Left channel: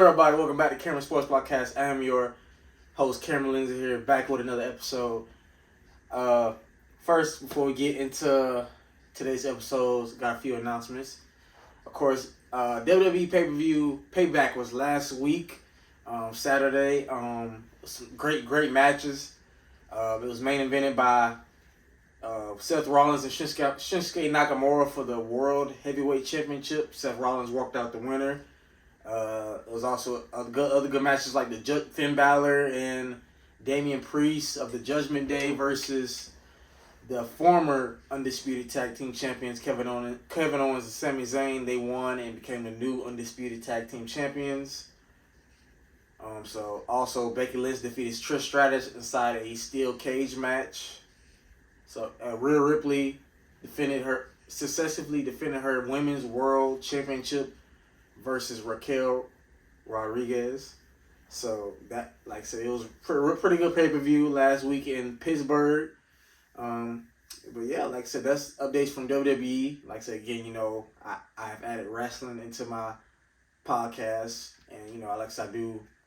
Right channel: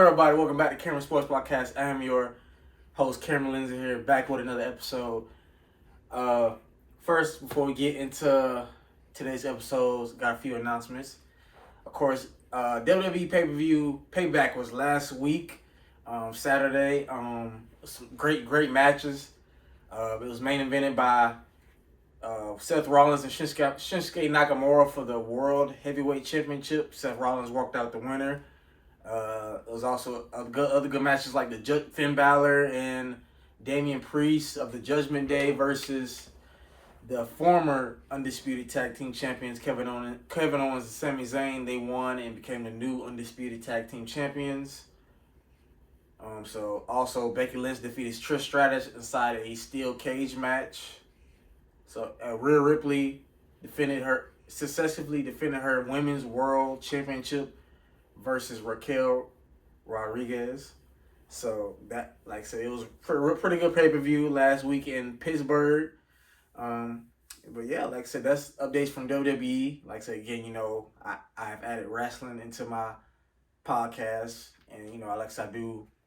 Everybody, welcome back to Cameron Sports Podcast. I am your host, Cameron Lindsay, here, back with another episode. First, before we get into today's episodes, got a few announcements. Of course, WWE pay-per-view Payback was last week, Saturday. Some great matches. It was main evented by Seth Rollins and Shinsuke Nakamura for the World Heavyweight Championship. Seth Rollins walked out the winner. It was also other good matches like the Finn Balor and Damian Priest of the Judgment Day versus the former Undisputed Tag Team Champions Kevin Owens and Sami Zayn. They won and became the new Undisputed Tag Team Champions. So also Becky Lynch defeated Trish Stratus inside a steel cage match. So Rhea Ripley successfully defended her Women's World Championship versus Raquel Rodriguez. So that, like I said, it was pretty good pay-per-view last week in Pittsburgh. But yeah, like I said, that's updates from WWE. Like I said, again, I have added wrestling into my podcast, and like I said,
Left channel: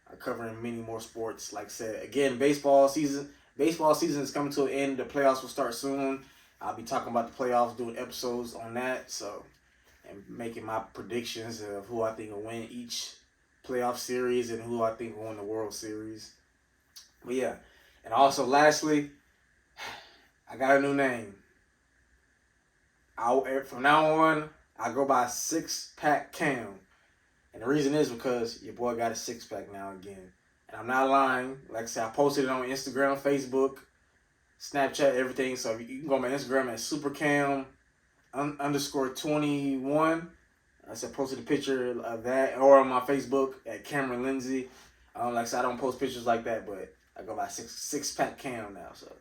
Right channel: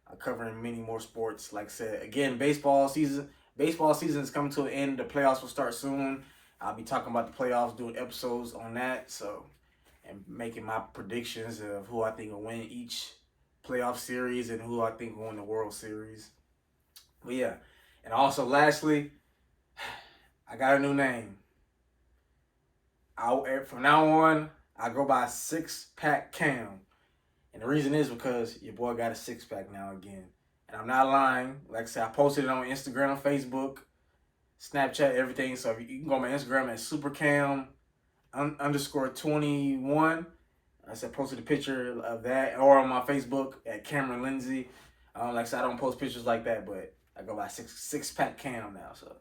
I cover many more sports. Like I said, again, baseball season is coming to an end. The playoffs will start soon. I'll be talking about the playoffs, doing episodes on that. So, and making my predictions of who I think will win each playoff series and who I think will win the World Series. But yeah, and also lastly, I got a new name. From now on, I go by Six Pack Cam. And the reason is because your boy got a six-pack now again. And I'm not lying. Like I said, I posted it on Instagram, Facebook, Snapchat, everything. So you can go on my Instagram at supercam _21. I said posted a picture of that, or on my Facebook at Cameron Lindsay. Like I said, I don't post pictures like that, but I go by six pack Cam now. So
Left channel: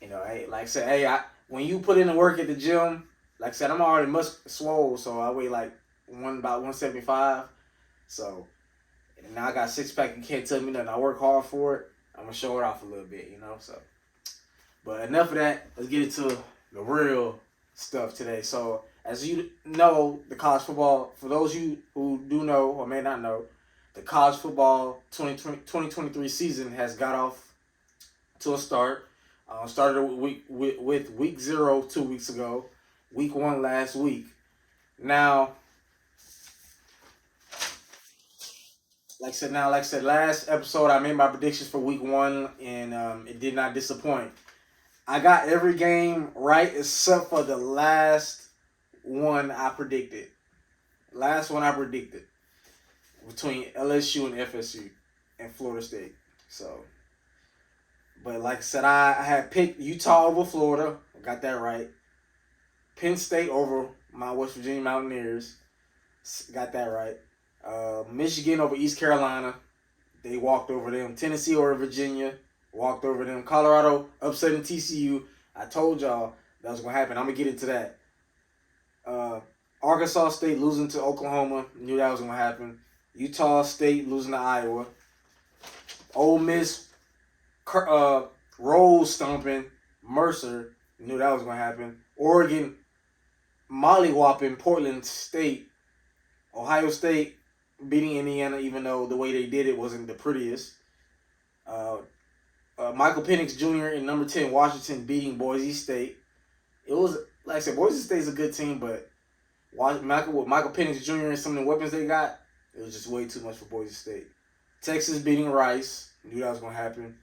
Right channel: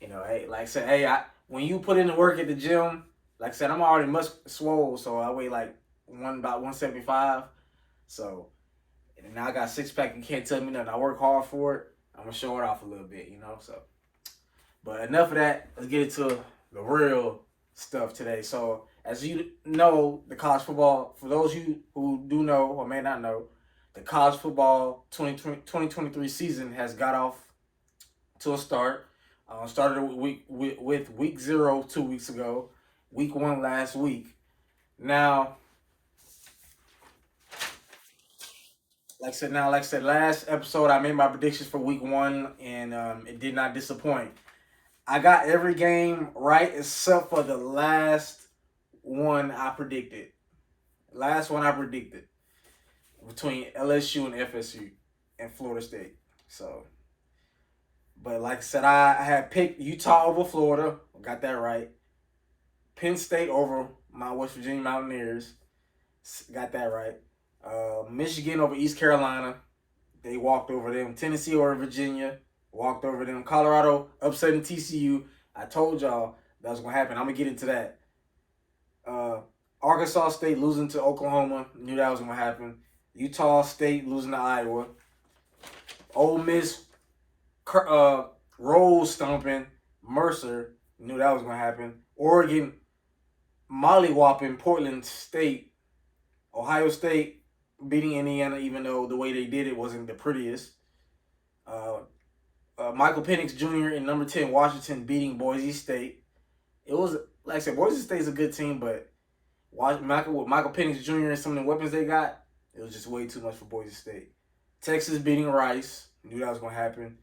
hey, like I said, when you put in the work at the gym, like I said, I'm already much swole, so I weigh about 175. So and now I got a six-pack. You can't tell me nothing. I work hard for it. I'm gonna show it off a little bit, So, but enough of that. Let's get into the real stuff today. So, as you know, the college football, for those of you who do know or may not know, the college football 2023 season has got off to a start. Started with week 0 2 weeks ago, week 1 last week. Now, like I said, last episode I made my predictions for week 1, and it did not disappoint. I got every game right except for the last one I predicted. Between LSU and FSU and Florida State. So, but like I said, I had picked Utah over Florida. I got that right. Penn State over my West Virginia Mountaineers. Got that right. Michigan over East Carolina. They walked over them. Tennessee over Virginia. Walked over them. Colorado upsetting TCU. I told y'all that was going to happen. I'm going to get into that. Arkansas State losing to Oklahoma. Knew that was going to happen. Utah State losing to Iowa. Ole Miss roll stomping Mercer. Knew that was going to happen. Oregon mollywhopping Portland State. Ohio State beating Indiana, even though the way they did it wasn't the prettiest. Michael Penix Jr. and number 10 Washington beating Boise State. It was, like I said, Boise State's a good team, but Michael Penix Jr. and some of the weapons they got, it was just way too much for Boise State. Texas beating Rice. Knew that was going to happen.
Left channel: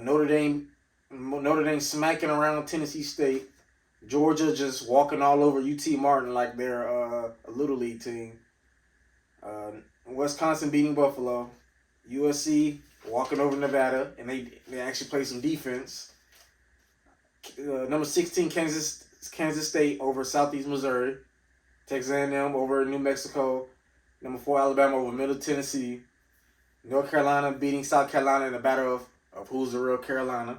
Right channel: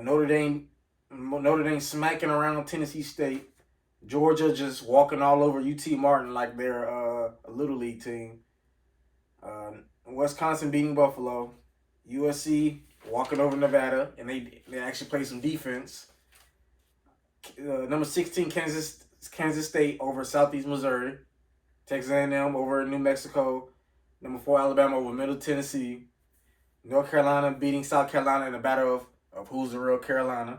Notre Dame smacking around Tennessee State. Georgia just walking all over UT Martin like they're a Little League team. Wisconsin beating Buffalo. USC walking over Nevada, and they actually played some defense. Number 16 Kansas State over Southeast Missouri. Texas A&M over New Mexico. Number 4 Alabama over Middle Tennessee. North Carolina beating South Carolina in a battle of who's the real Carolina.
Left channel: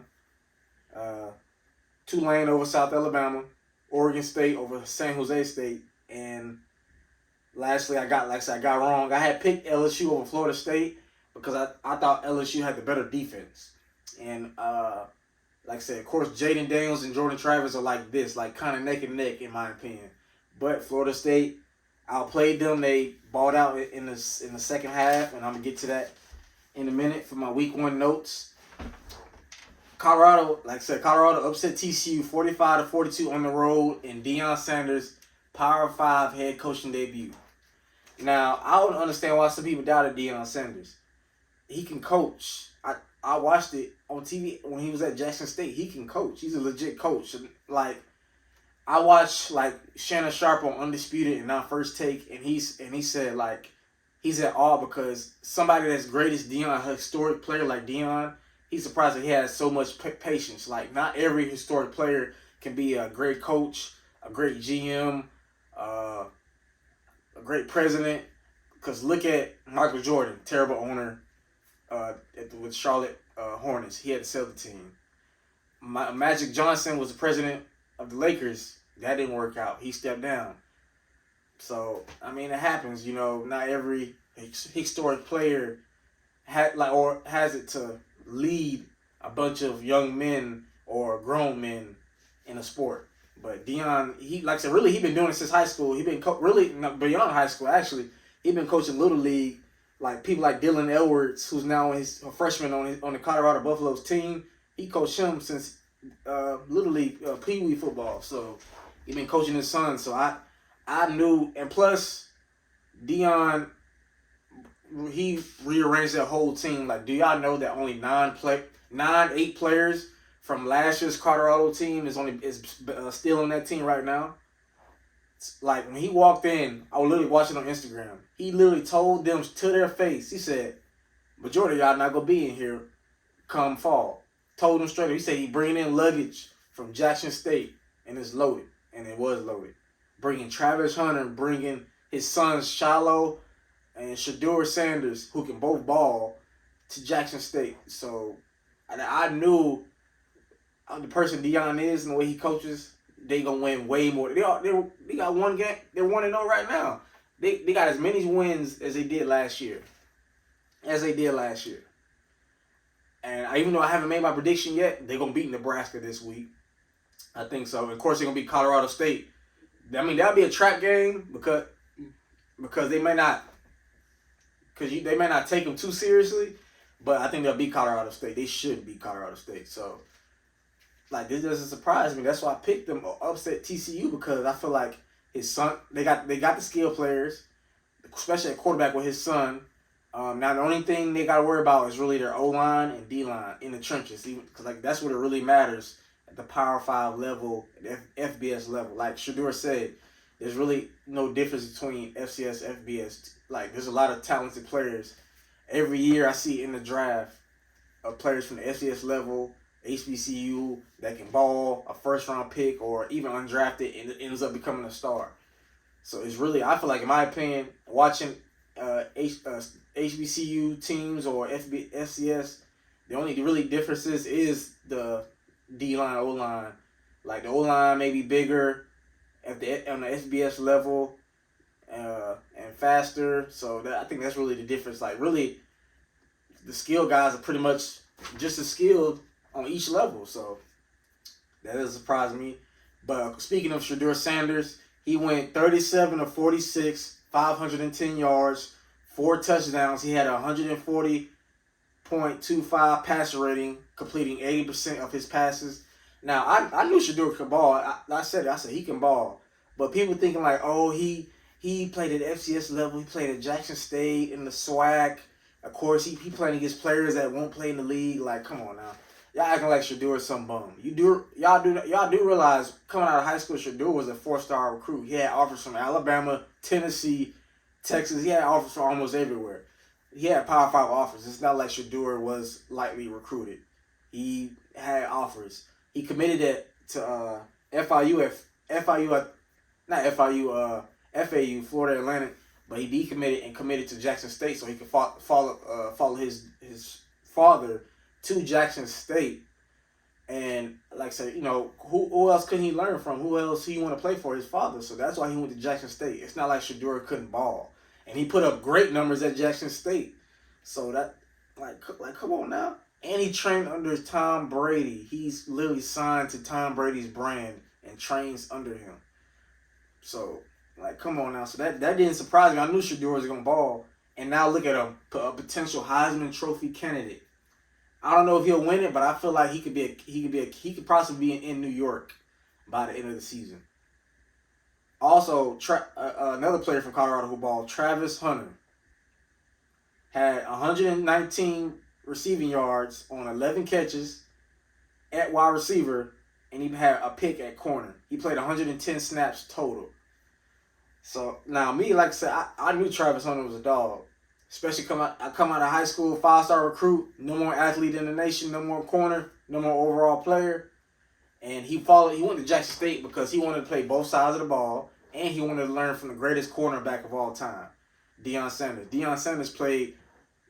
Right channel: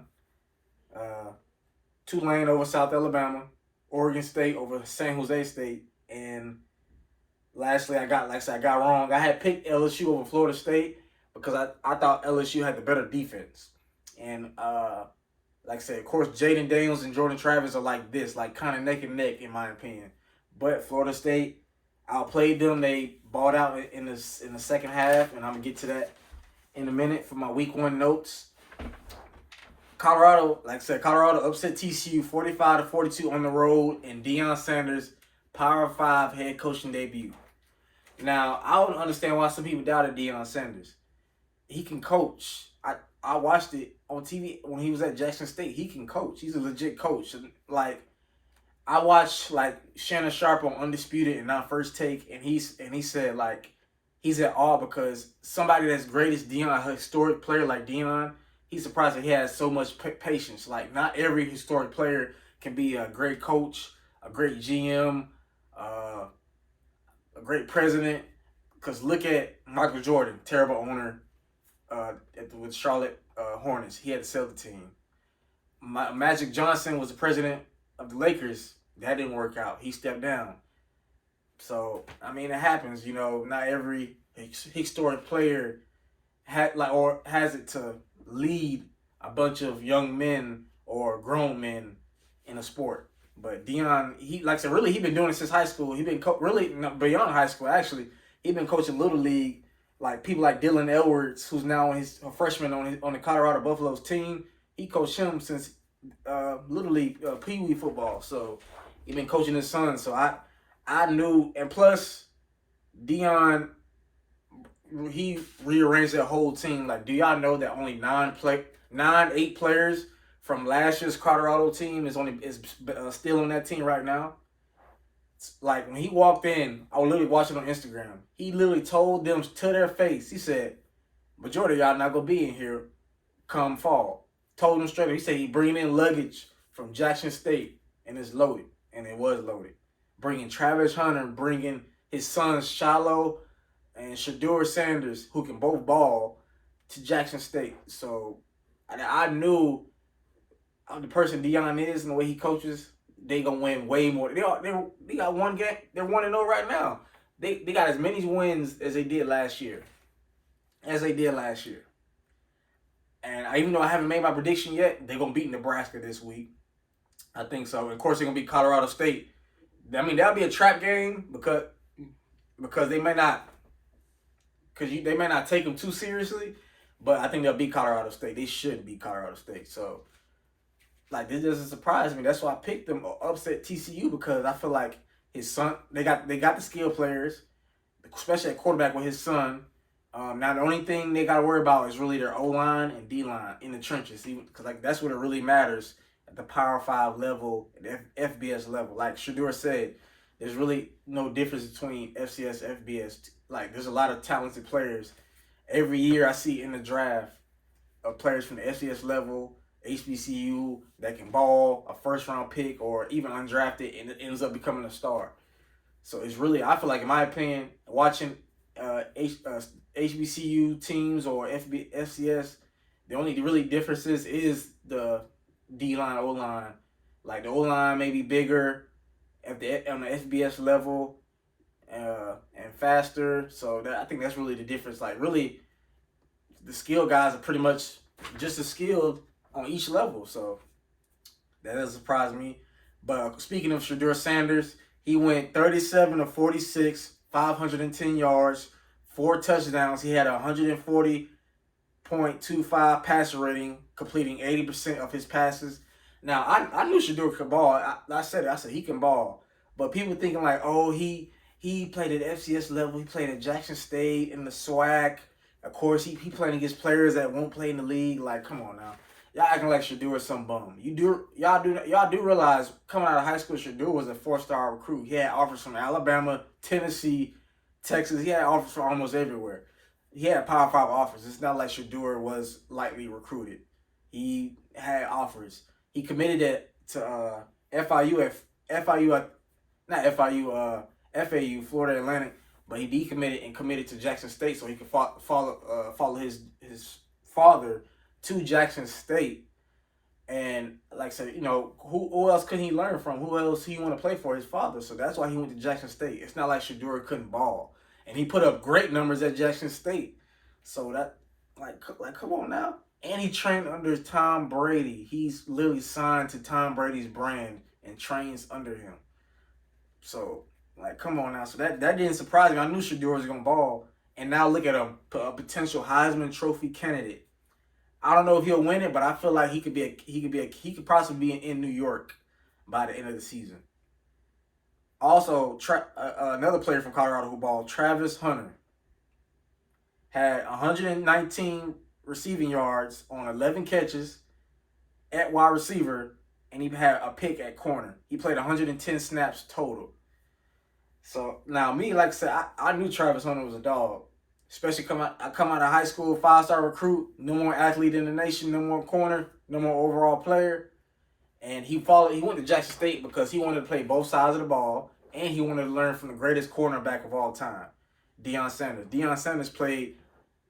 Tulane over South Alabama. Oregon State over San Jose State. And lastly, I got wrong. I had picked LSU over Florida State because I thought LSU had the better defense. And like I said, of course, Jaden Daniels and Jordan Travis are like kind of neck and neck in my opinion. But Florida State outplayed them. They balled out in the second half, and I'm gonna get to that in a minute for my week 1 notes. Colorado, like I said, Colorado upset TCU 45-42 on the road in Deion Sanders' Power 5 head coaching debut. Now, I don't understand why some people doubted Deion Sanders. He can coach. I watched it on TV when he was at Jackson State. He can coach. He's a legit coach. Like, I watched like Shannon Sharp on Undisputed and Not First Take, and he said like he's at awe because somebody that's great as Deion, a historic player like Deion, he's surprised that he has so much patience. Like, not every historic player can be a great coach, a great GM, a great president. Because look at Michael Jordan, terrible owner with Charlotte Hornets. He had to sell the team. Magic Johnson was the president of the Lakers. That didn't work out. He stepped down. So, I mean, it happens. You know, not every historic player has it to lead a bunch of young men or grown men in a sport. But Deion, he like I said, really, he been doing it since high school. He been really beyond high school. Actually, he been coaching Little League. Like people like Dylan Edwards, who's now a freshman on the Colorado Buffaloes team. He coached him since Little League Pee Wee football. So he been coaching his son. So I knew, and plus Deion, he rearranged that whole team. Like, do y'all know that only 8 players from last year's Colorado team is still on that team right now? Like, when he walked in, I was literally watching on Instagram. He literally told them to their face. He said, majority of y'all not going to be in here come fall. Told them straight up. He said he bringing in luggage from Jackson State, and it's loaded. And it was loaded. Bringing Travis Hunter, bringing his sons Shiloh and Shedeur Sanders, who can both ball, to Jackson State. So I knew the person Deion is and the way he coaches, they gonna win way more. They got one game. They're 1-0 right now. They got as many wins as they did last year. And even though I haven't made my prediction yet, they're gonna beat Nebraska this week. I think so. And of course, they're gonna beat Colorado State. I mean, that'll be a trap game because they may not take them too seriously. But I think they'll beat Colorado State. They should beat Colorado State. So, like, this doesn't surprise me. That's why I picked them upset TCU, because I feel like his son, they got the skill players, especially at quarterback with his son. Now, the only thing they got to worry about is really their O-line and D-line in the trenches, because like that's what it really matters at the Power 5 level, the FBS level. Like Shedeur said, there's really no difference between FCS, FBS. Like, there's a lot of talented players. Every year I see in the draft players from the FCS level, HBCU, that can ball, a first-round pick, or even undrafted, and it ends up becoming a star. So it's really, I feel like, in my opinion, watching HBCU teams or FCS, the only really differences is the D-line, O-line. Like, the O-line may be bigger on the FBS level and faster. So I think that's really the difference. Like, really, the skill guys are pretty much just as skilled on each level. So that doesn't surprise me. But speaking of Shedeur Sanders, he went 37 of 46, 510 yards, 4 touchdowns. He had a 140.25 passer rating, completing 80% of his passes. Now, I knew Shedeur could ball. I said he can ball. But people thinking like, oh, he played at FCS level. He played at Jackson State in the SWAC. Of course, he playing against players that won't play in the league. Like, come on now. Y'all acting like Shedeur is some bum. Y'all do realize coming out of high school, Shedeur was a 4-star recruit. He had offers from Alabama, Tennessee, Texas. He had offers from almost everywhere. He had Power 5 offers. It's not like Shedeur was lightly recruited. He had offers. He committed it to FAU, Florida Atlantic, but he decommitted and committed to Jackson State so he could follow his father to Jackson State. And like I said, you know, who else could he learn from? Who else he want to play for? His father. So that's why he went to Jackson State. It's not like Shedeur couldn't ball. And he put up great numbers at Jackson State. So that, like come on now. And he trained under Tom Brady. He's literally signed to Tom Brady's brand and trains under him. So Like, come on now. So that didn't surprise me. I knew Shedeur was gonna ball, and now look at him, a potential Heisman Trophy candidate. I don't know if he'll win it, but I feel like he could possibly be in New York by the end of the season. Also, another player from Colorado who balled, Travis Hunter, had 119 receiving yards on 11 catches at wide receiver, and he had a pick at corner. He played 110 snaps total. So now me, like I said, I knew Travis Hunter was a dog. Especially I come out of high school, 5-star recruit, no more athlete in the nation, no more corner, no more overall player. And he went to Jackson State because he wanted to play both sides of the ball, and he wanted to learn from the greatest cornerback of all time, Deion Sanders. Deion Sanders played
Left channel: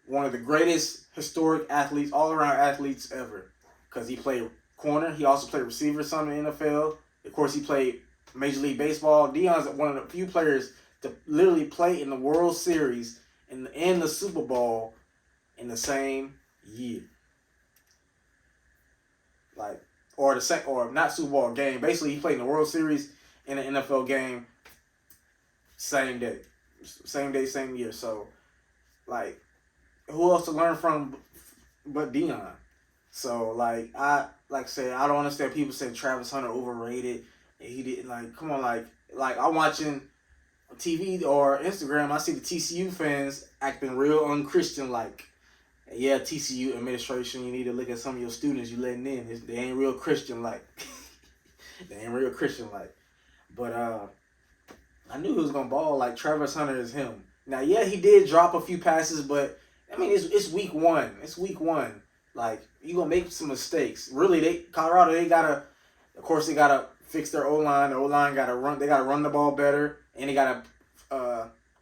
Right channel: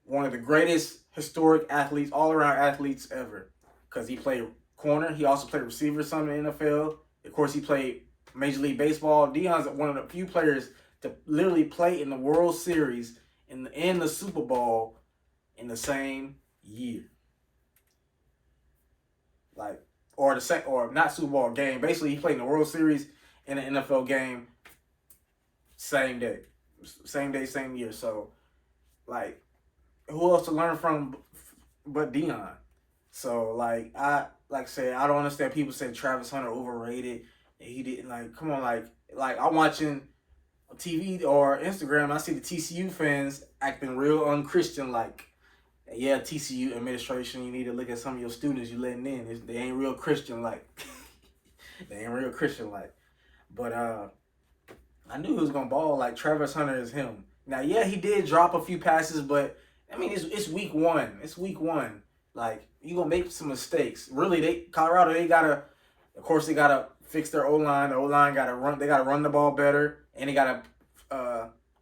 one of the greatest historic athletes, all-around athletes ever, because he played corner. He also played receiver some in the NFL. Of course, he played Major League Baseball. Deion's one of the few players to literally play in the World Series and the Super Bowl in the same year. Like, or not Super Bowl game. Basically, he played in the World Series and the NFL game same day. Same day, same year. So, like, who else to learn from but Deion? So, like I said, I don't understand people say Travis Hunter overrated and he didn't, like, come on, like I'm watching TV or Instagram, I see the TCU fans acting real unchristian, like, yeah, TCU administration, you need to look at some of your students you letting in. They ain't real Christian like. They ain't real Christian like. But I knew he was gonna ball. Like, Travis Hunter is him. Now, yeah, he did drop a few passes, but I mean, it's week one. It's week one. Like, you gonna make some mistakes. Really, Colorado, they gotta fix their O-line. The O-line gotta run. They gotta run the ball better, and they gotta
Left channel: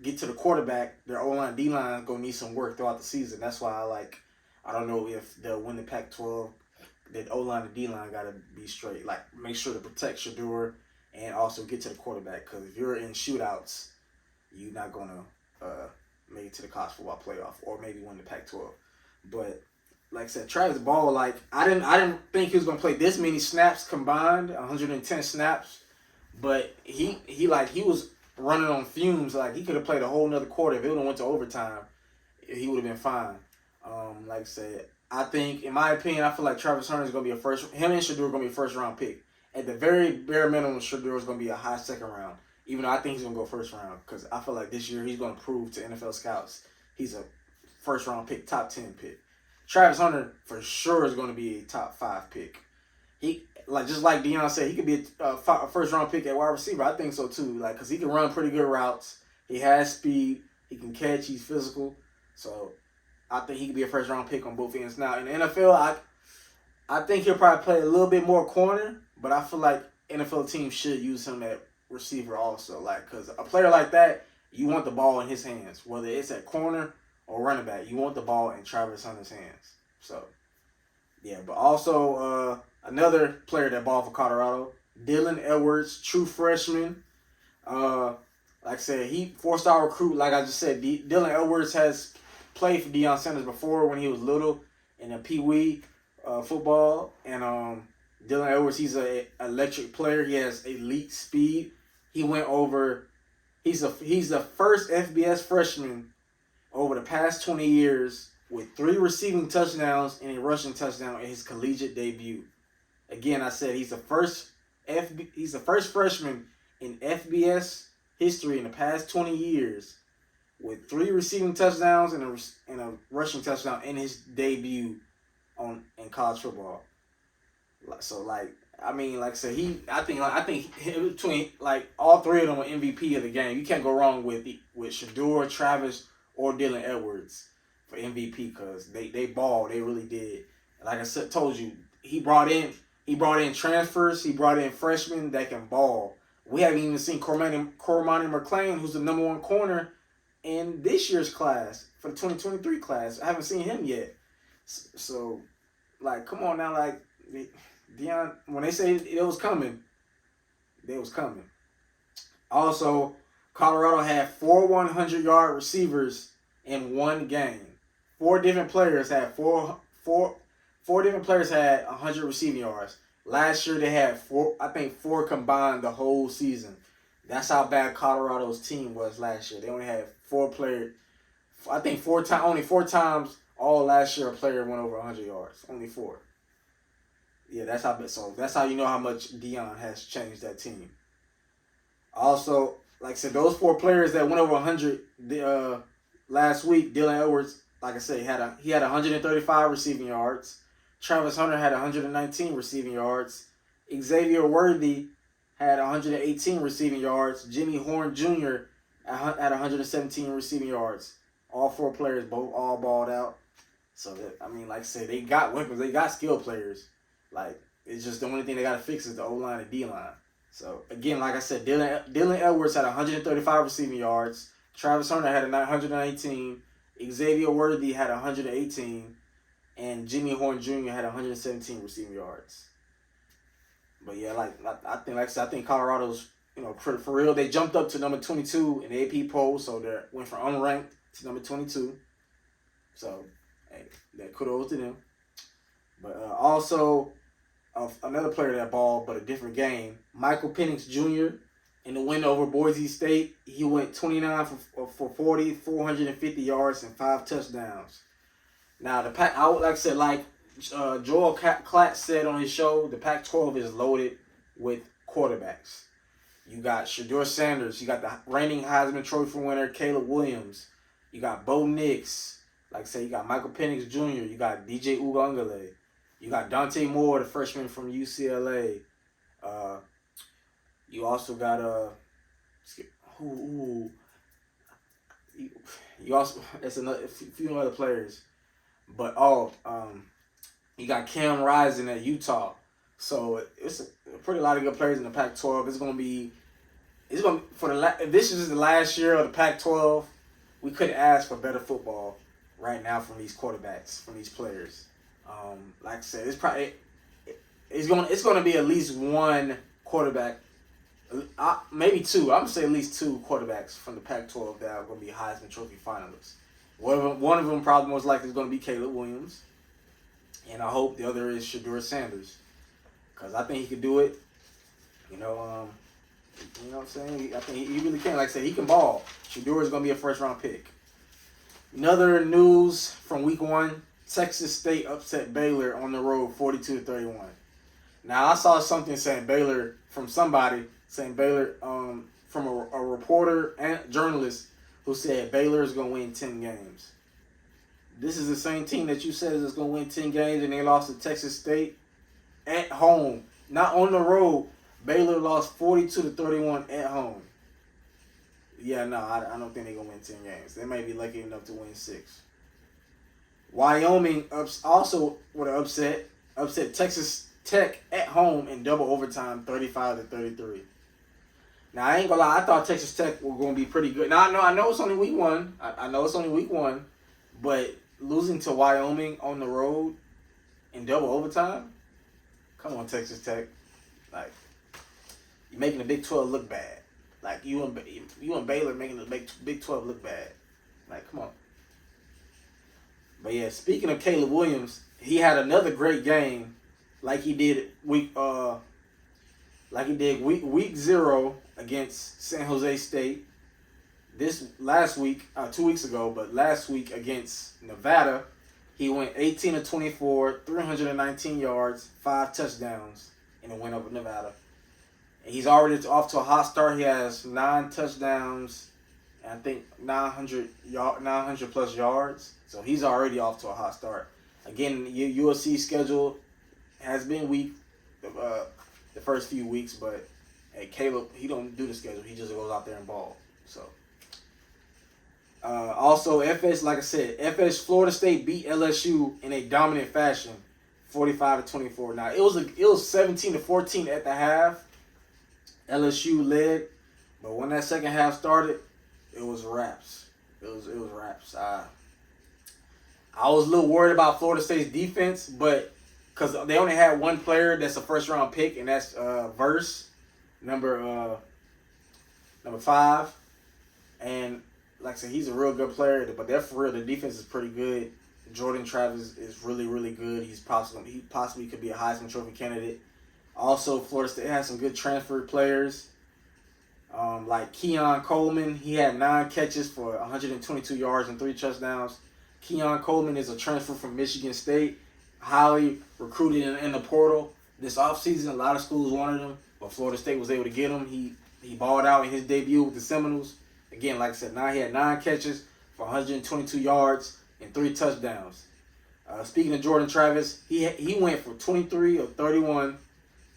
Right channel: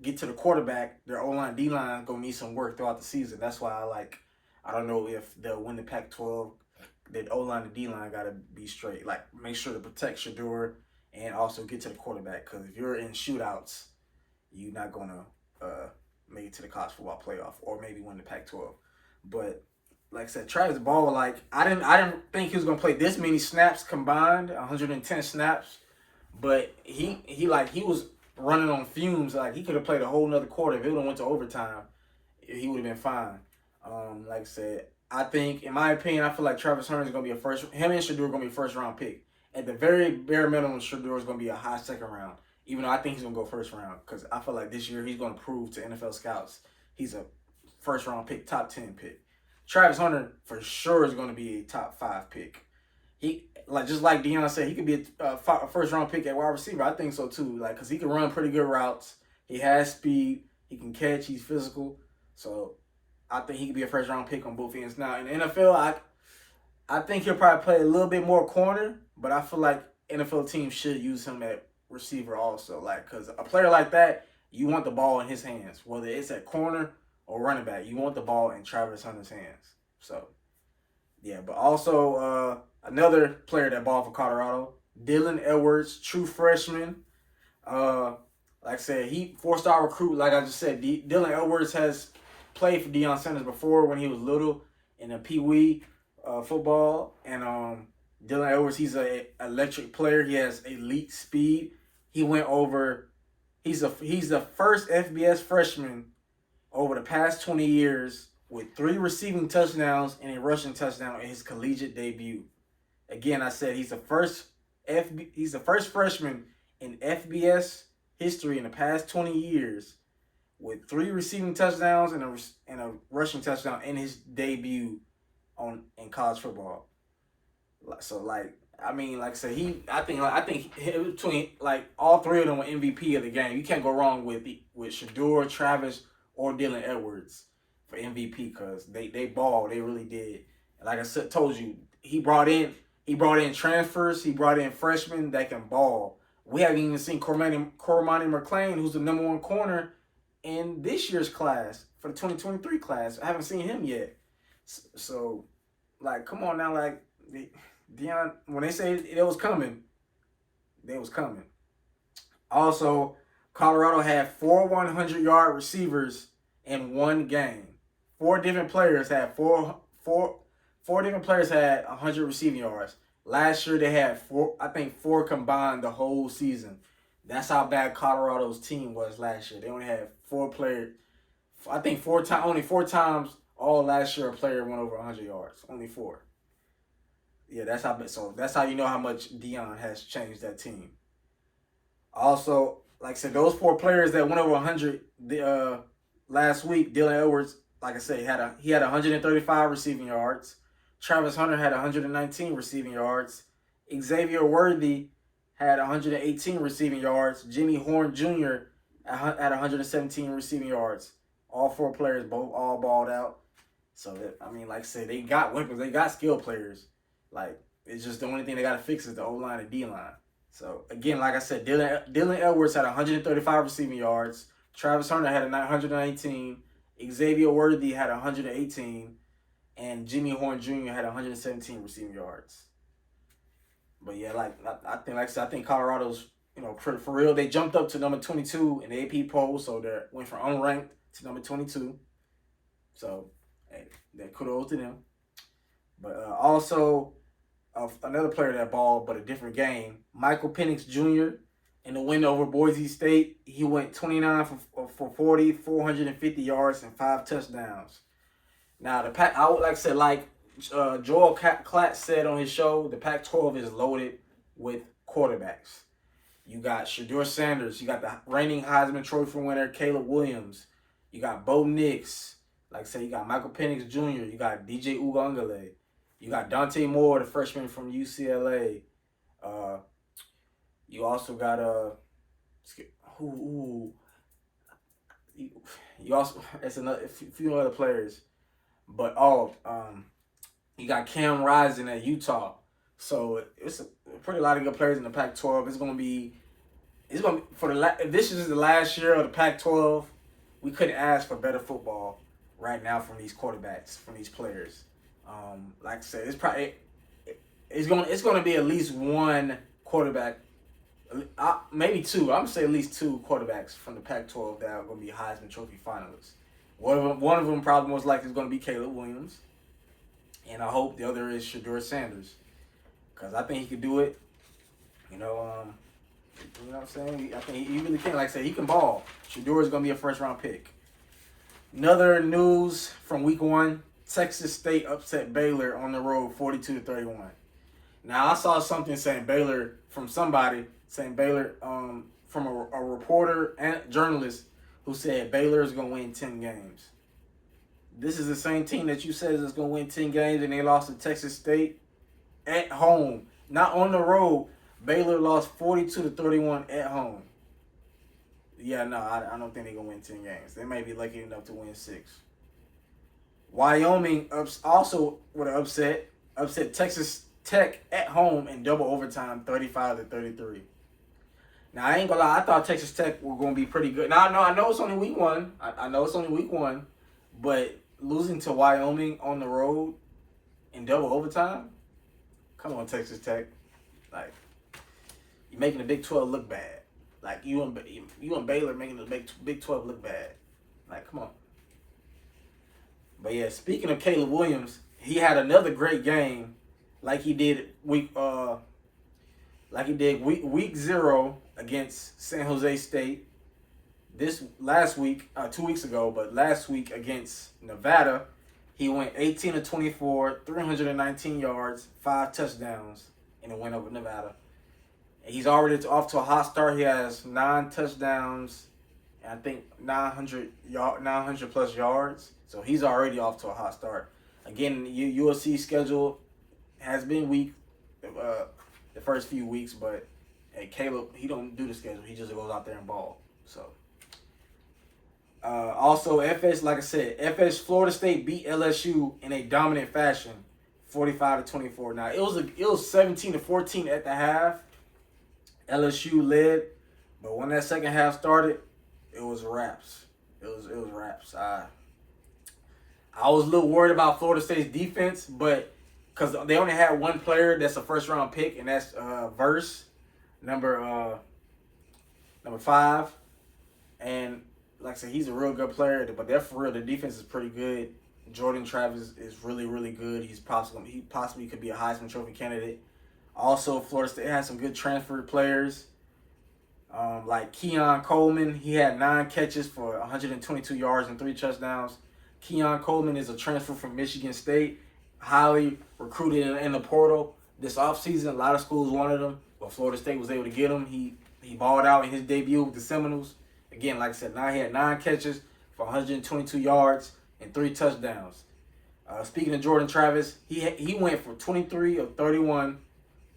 get to the quarterback. Their O-line, D-line gonna need some work throughout the season. That's why I don't know if they'll win the Pac-12. The O-line and D-line gotta be straight. Like, make sure to protect Shedeur and also get to the quarterback. Because if you're in shootouts, you're not gonna make it to the college football playoff or maybe win the Pac-12. But like I said, Travis Ball, like, I didn't think he was gonna play this many snaps combined, 110 snaps. But he was running on fumes. Like, he could have played a whole nother quarter. If it would have went to overtime, he would have been fine. Like I said, I think, in my opinion, I feel like Travis Hunter is gonna be him and Shedeur are gonna be a first round pick. At the very bare minimum, Shedeur is gonna be a high second round. Even though I think he's gonna go first round, because I feel like this year he's gonna prove to NFL scouts he's a first round pick, top 10 pick. Travis Hunter for sure is gonna be a top 5 pick. He, like, just like Deion said, he could be a first round pick at wide receiver. I think so too. Like, because he can run pretty good routes. He has speed. He can catch. He's physical. So I think he could be a first round pick on both ends. Now in the NFL, I think he'll probably play a little bit more corner, but I feel like NFL teams should use him at receiver also. Like, because a player like that, you want the ball in his hands, whether it's at corner or running back. You want the ball in Travis Hunter's hands. So yeah, but also another player that balled for Colorado, Dylan Edwards, true freshman. Like I said, he 4-star recruit. Like I just said, Dylan Edwards has played for Deion Sanders before when he was little in the Pee Wee football. And Dylan Edwards, he's an electric player. He has elite speed. He went over. He's the first FBS freshman over the past 20 years with 3 receiving touchdowns and a rushing touchdown in his collegiate debut. Again, I said he's the first freshman in FBS history in the past 20 years with 3 receiving touchdowns and a rushing touchdown in his debut in college football. So, like, I mean, like I said, I think between, like, all 3 of them are MVP of the game. You can't go wrong with Shedeur, Travis, or Dylan Edwards for MVP, because they balled. They really did. Like I said, told you, he brought in transfers. He brought in freshmen that can ball. We haven't even seen Cormani McClain, who's the number 1 corner in this year's class, for the 2023 class. I haven't seen him yet. So, like, come on now, like, Deion, when they say it was coming, it was coming. Also, Colorado had 4 100-yard receivers in one game. 4 different players had four different players had 100 receiving yards. Last year they had 4 combined the whole season. That's how bad Colorado's team was last year. They only had 4 players. I think only 4 times all last year a player went over 100 yards. Only 4. Yeah, that's how. So that's how you know how much Deion has changed that team. Also, like I said, those 4 players that went over 100 last week, Dylan Edwards, like I said, he had 135 receiving yards. Travis Hunter had 119 receiving yards. Xavier Worthy had 118 receiving yards. Jimmy Horn Jr. had 117 receiving yards. All 4 players all balled out. So, I mean, like I said, they got weapons. They got skilled players. Like, it's just the only thing they got to fix is the O-line and D-line. So, again, like I said, Dylan Edwards had 135 receiving yards. Travis Hunter had 119. Xavier Worthy had 118. And Jimmy Horn Jr. had 117 receiving yards. But, yeah, I think Colorado's, for real, they jumped up to number 22 in the AP poll. So, they went from unranked to number 22. So, hey, that kudos to them. But also, another player that balled, but a different game, Michael Penix Jr. in the win over Boise State. He went 29 for 40, 450 yards, and 5 touchdowns. Now, the Pac, Joel Klatt said on his show, the Pac-12 is loaded with quarterbacks. You got Shedeur Sanders. You got the reigning Heisman Trophy winner, Caleb Williams. You got Bo Nix. Like I said, you got Michael Penix Jr. You got DJ Uiagalelei. You got Dante Moore, the freshman from UCLA. You also got you also it's another few other players, but you got Cam Rising at Utah. So it's a pretty lot of good players in the Pac-12. If this is the last year of the Pac-12, we couldn't ask for better football right now from these quarterbacks, from these players. Like I said, it's going to be at least one quarterback, maybe 2. I'm gonna say at least 2 quarterbacks from the Pac-12 that are going to be Heisman Trophy finalists. One of them probably most likely is going to be Caleb Williams, and I hope the other is Shedeur Sanders, because I think he could do it. You know what I'm saying? I think he really can. Like I said, he can ball. Shedeur is going to be a first-round pick. Another news from week 1. Texas State upset Baylor on the road 42-31. Now, I saw something saying Baylor from somebody, from a reporter and journalist who said Baylor is going to win 10 games. This is the same team that you said is going to win 10 games, and they lost to Texas State at home, not on the road. Baylor lost 42-31 at home. Yeah, no, I don't think they're going to win 10 games. They may be lucky enough to win 6. Wyoming also with an upset Texas Tech at home in double overtime, 35-33. Now, I ain't gonna lie, I thought Texas Tech were gonna be pretty good. Now, I know it's only week 1. I know it's only week 1, but losing to Wyoming on the road in double overtime, come on, Texas Tech, like, you're making the Big 12 look bad. Like, you and Baylor making the Big 12 look bad. Like, come on. But yeah, speaking of Caleb Williams, he had another great game, like he did week 0 against San Jose State. This last week, 2 weeks ago, but last week against Nevada, he went 18-24, 319 yards, 5 touchdowns in the win over Nevada. And he's already off to a hot start. He has 9 touchdowns, and I think 900 plus yards. So he's already off to a hot start. Again, USC schedule has been weak the first few weeks, but hey, Caleb, he don't do the schedule. He just goes out there and ball. So also like I said, Florida State beat LSU in a dominant fashion, 45-24. Now it was 17-14 at the half. LSU led, but when that second half started, it was wraps. It was wraps. I was a little worried about Florida State's defense, but because they only had one player that's a first-round pick, and that's Verse, number 5. And like I said, he's a real good player, but they're for real. The defense is pretty good. Jordan Travis is really, really good. He possibly could be a Heisman Trophy candidate. Also, Florida State has some good transfer players. Like Keon Coleman, he had 9 catches for 122 yards and 3 touchdowns. Keon Coleman is a transfer from Michigan State, highly recruited in the portal this offseason. A lot of schools wanted him, but Florida State was able to get him. He balled out in his debut with the Seminoles. Again, like I said, he had 9 catches for 122 yards and 3 touchdowns. Speaking of Jordan Travis, he went for 23 of 31,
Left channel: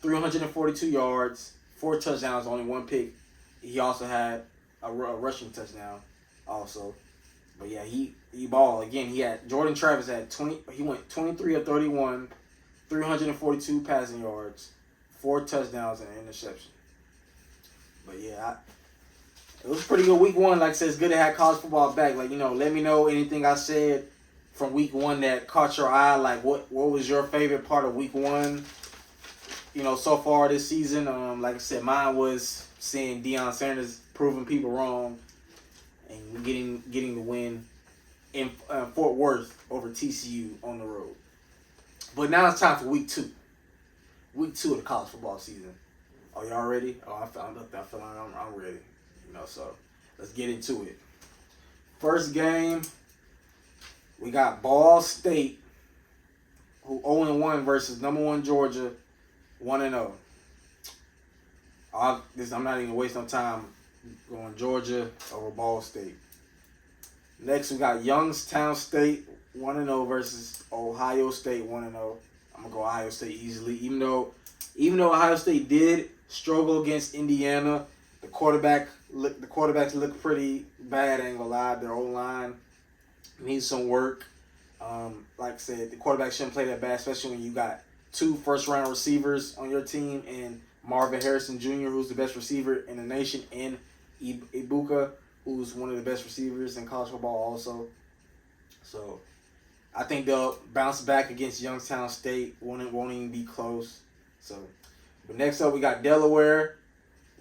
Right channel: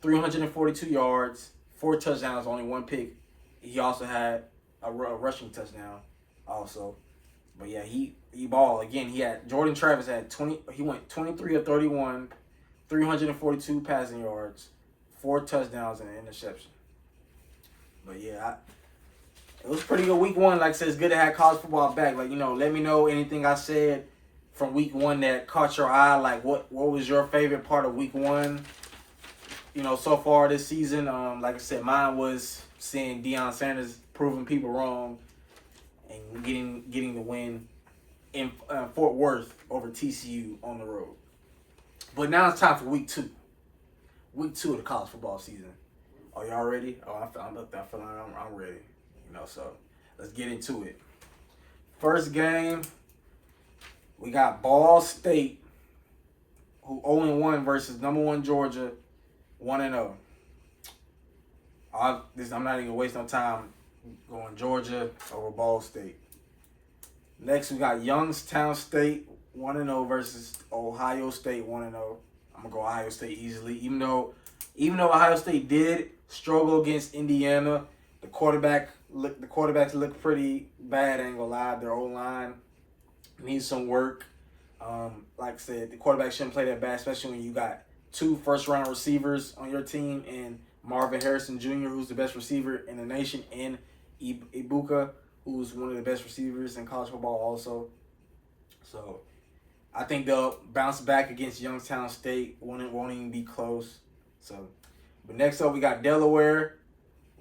342 yards, 4 touchdowns, only 1 pick. He also had a rushing touchdown also. But yeah, he balled. Again, Jordan Travis he went 23 of 31, 342 passing yards, 4 touchdowns and an interception. But yeah, it was a pretty good week 1. Like I said, it's good to have college football back. Like, let me know anything I said from week 1 that caught your eye. Like, what was your favorite part of week 1? So far this season. Like I said, mine was seeing Deion Sanders proving people wrong and getting the win in Fort Worth over TCU on the road. But now it's time for week 2. Week 2 of the college football season. Are y'all ready? Oh, I feel like I'm ready. So let's get into it. First game, we got Ball State, who 0-1 versus number 1 Georgia, 1-0. I'm not even wasting no time going Georgia over Ball State. Next, we got Youngstown State, 1-0 versus Ohio State, 1-0. I'm gonna go Ohio State easily, even though Ohio State did struggle against Indiana. The quarterbacks look pretty bad. I ain't gonna lie. Their O-line needs some work. Like I said, the quarterback shouldn't play that bad, especially when you got 2 first-round receivers on your team and Marvin Harrison Jr., who's the best receiver in the nation, and Ibuka, who's one of the best receivers in college football also. So I think they'll bounce back against Youngstown State. Won't even be close. But next up we got Delaware,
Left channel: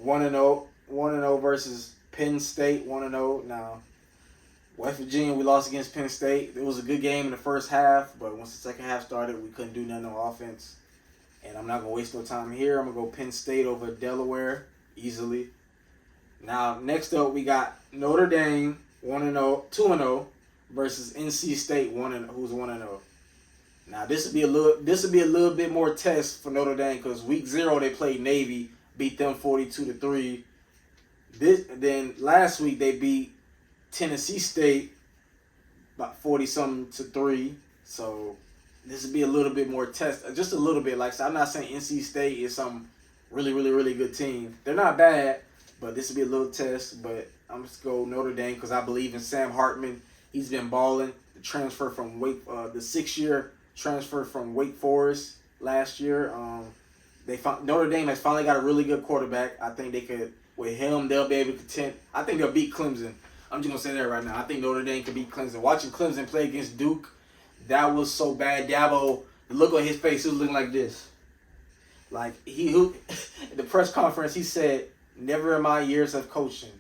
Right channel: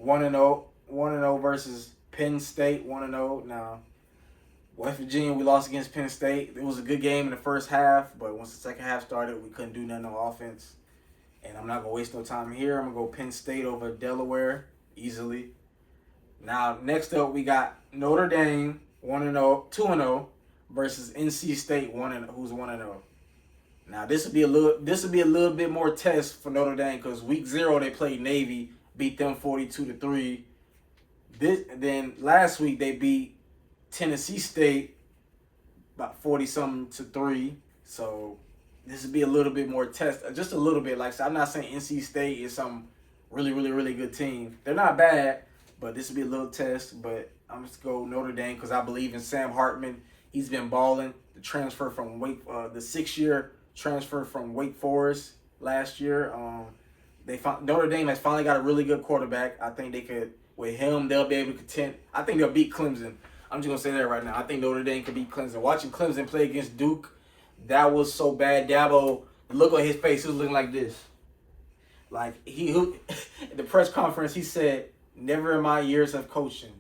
1-0 versus Penn State, 1-0. Now, West Virginia, we lost against Penn State. It was a good game in the first half, but once the second half started, we couldn't do nothing on offense. And I'm not going to waste no time here. I'm going to go Penn State over Delaware easily. Now, next up, we got Notre Dame, 2-0 versus NC State, who's 1-0. Now, this would be a little bit more test for Notre Dame because week 0 they played Navy, beat them 42-3. Then last week they beat Tennessee State about 40-something to 3. So this would be a little bit more test, just a little bit. Like I said, I'm not saying NC State is some really, really, really good team. They're not bad, but this would be a little test. But I'm just going to go Notre Dame because I believe in Sam Hartman. He's been balling. The transfer from the 6-year transfer from Wake Forest last year. Notre Dame has finally got a really good quarterback. I think they could, with him, they'll be able to contend. I think they'll beat Clemson. I'm just going to say that right now. I think Notre Dame could beat Clemson. Watching Clemson play against Duke, that was so bad. Dabo, the look on his face, he was looking like this. Like, at the press conference, he said, "Never in my years of coaching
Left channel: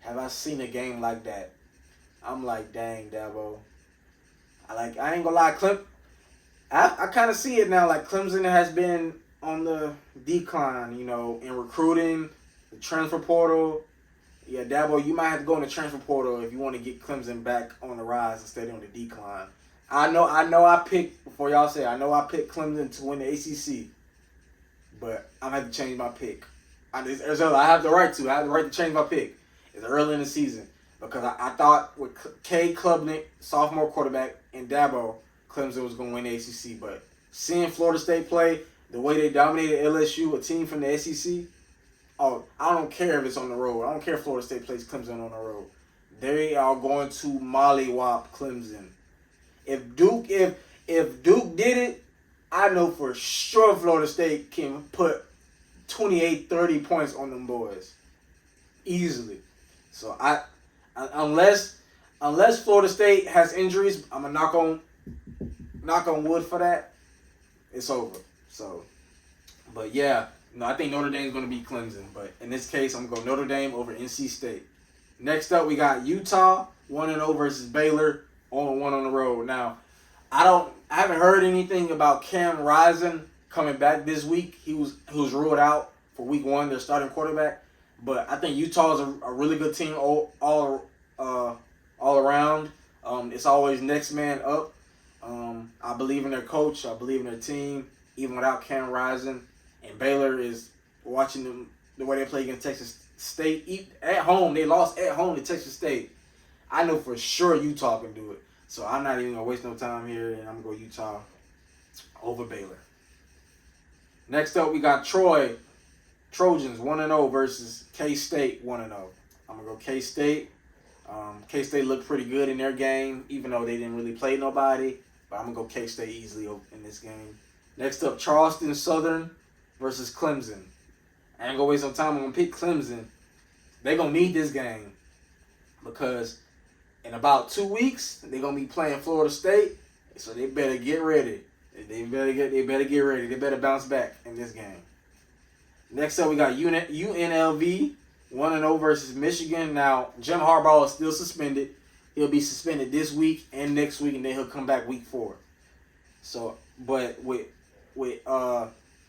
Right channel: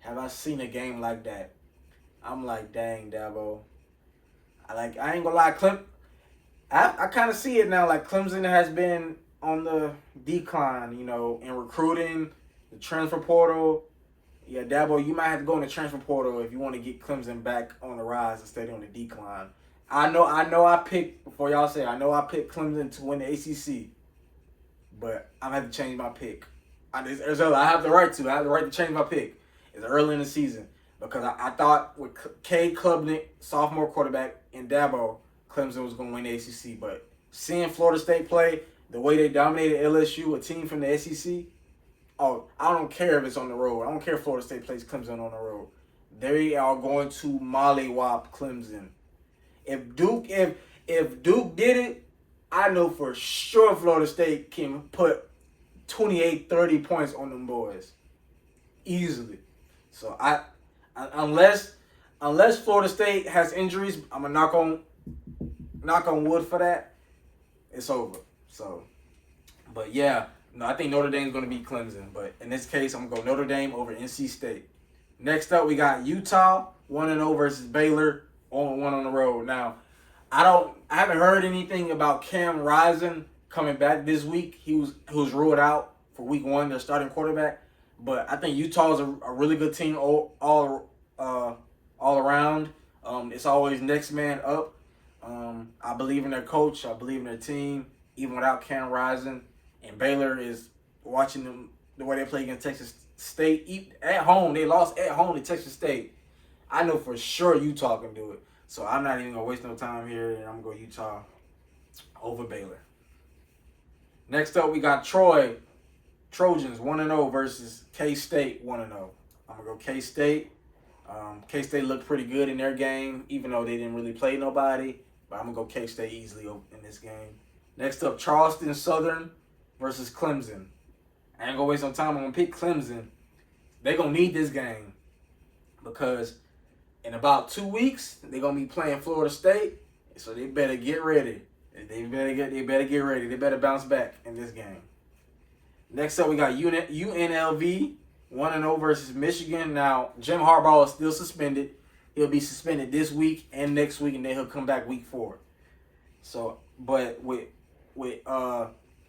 have I seen a game like that." I'm like, dang, Dabo. I ain't going to lie, I kind of see it now. Like, Clemson has been on the decline, in recruiting, the transfer portal. Yeah, Dabo, you might have to go in the transfer portal if you want to get Clemson back on the rise instead of on the decline. I know I picked Clemson to win the ACC, but I'm going to have to change my pick. I have the right to change my pick. It's early in the season because I thought with Cade Klubnik, sophomore quarterback, and Dabo, Clemson was going to win the ACC. But seeing Florida State play, the way they dominated LSU, a team from the SEC, I don't care if it's on the road. I don't care if Florida State plays Clemson on the road. They are going to mollywop Clemson. If Duke did it, I know for sure Florida State can put 28, 30 points on them boys. Easily. So unless Florida State has injuries, I'm gonna knock on wood for that. It's over. So, but yeah, no, I think Notre Dame's gonna beat Clemson. But in this case, I'm gonna go Notre Dame over NC State. Next up, we got Utah 1-0 versus Baylor 0-1 on the road. Now, I haven't heard anything about Cam Rising coming back this week. He was ruled out for week 1, their starting quarterback. But I think Utah is a really good team all around. It's always next man up. I believe in their coach. I believe in their team, even without Cam Rising. And Baylor is watching them the way they play against Texas State. At home, they lost at home to Texas State. I know for sure Utah can do it. So I'm not even going to waste no time here, and I'm going to go Utah over Baylor. Next up, we got Trojans 1-0 versus K-State 1-0. I'm going to go K-State. K-State looked pretty good in their game, even though they didn't really play nobody. But I'm going to go K-State easily in this game. Next up, Charleston Southern versus Clemson. I ain't going to waste no time. I'm going to pick Clemson. They're going to need this game because in about 2 weeks, they're going to be playing Florida State. So they better get ready. They better get ready. They better bounce back in this game. Next up, we got UNLV 1-0 versus Michigan. Now, Jim Harbaugh is still suspended. He'll be suspended this week and next week, and then he'll come back week 4. So, but with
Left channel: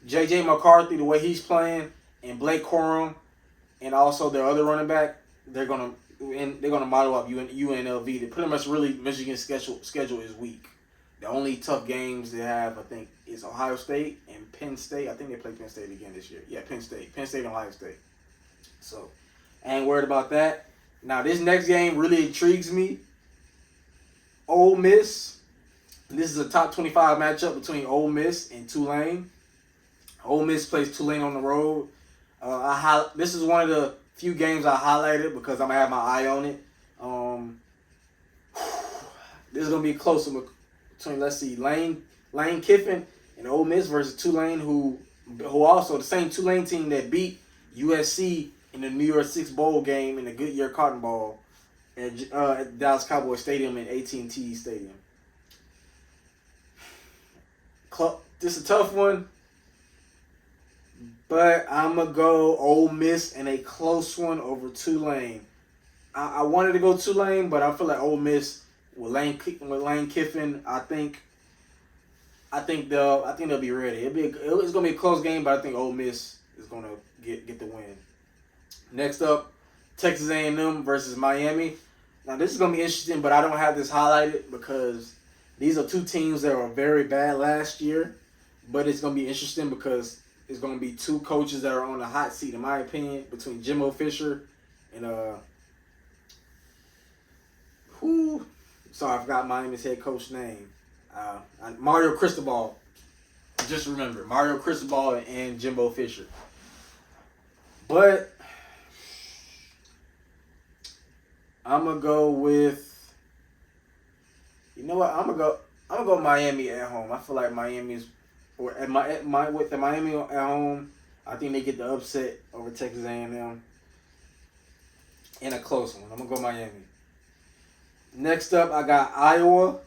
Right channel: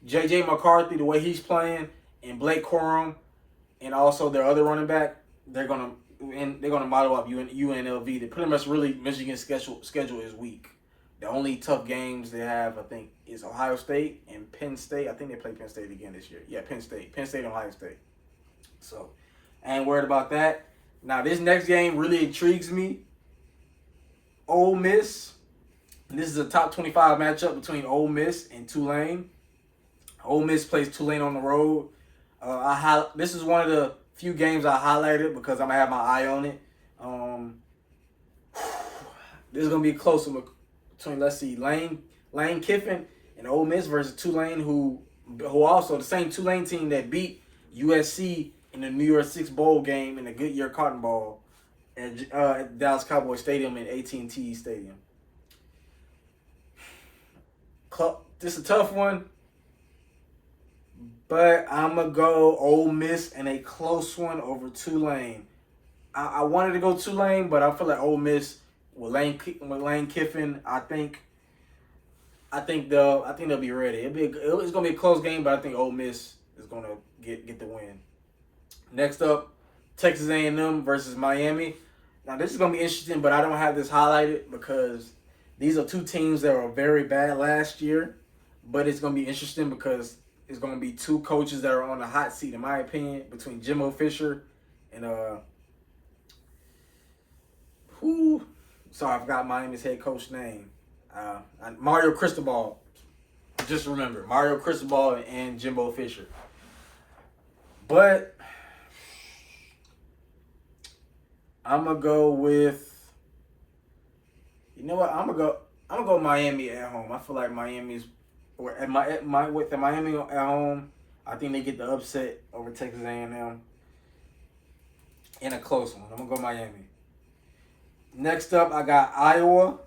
J.J. McCarthy, the way he's playing, and Blake Corum, and also their other running back, they're gonna model up UNLV. They pretty much really Michigan's schedule is weak. The only tough games they have, I think, is Ohio State and Penn State. I think they play Penn State again this year. Yeah, Penn State and Ohio State. So, I ain't worried about that. Now, this next game really intrigues me. Ole Miss. This is a top 25 matchup between Ole Miss and Tulane. Ole Miss plays Tulane on the road. This is one of the few games I highlighted because I'm going to have my eye on it. This is going to be close between, let's see, Lane Kiffin and Ole Miss versus Tulane, who also the same Tulane team that beat USC in the New Year's Six Bowl game in the Goodyear Cotton Bowl at Dallas Cowboys Stadium and AT&T Stadium. This is a tough one, but I'm going to go Ole Miss in a close one over Tulane. I wanted to go Tulane, but I feel like Ole Miss with Lane Kiffin, I think they'll be ready. It's going to be a close game, but I think Ole Miss is going to get the win. Next up, Texas A&M versus Miami. Now, this is going to be interesting, but I don't have this highlighted because these are two teams that were very bad last year. But it's going to be interesting because it's going to be two coaches that are on the hot seat, in my opinion, between Jimbo Fisher and I forgot Miami's head coach name. Mario Cristobal. Just remember, Mario Cristobal and Jimbo Fisher. But I'm gonna go with, you know what? I'm gonna go Miami at home. I feel like Miami's with the Miami at home. I think they get the upset over Texas A&M in a close one. I'm gonna go Miami. Next up, I got Iowa,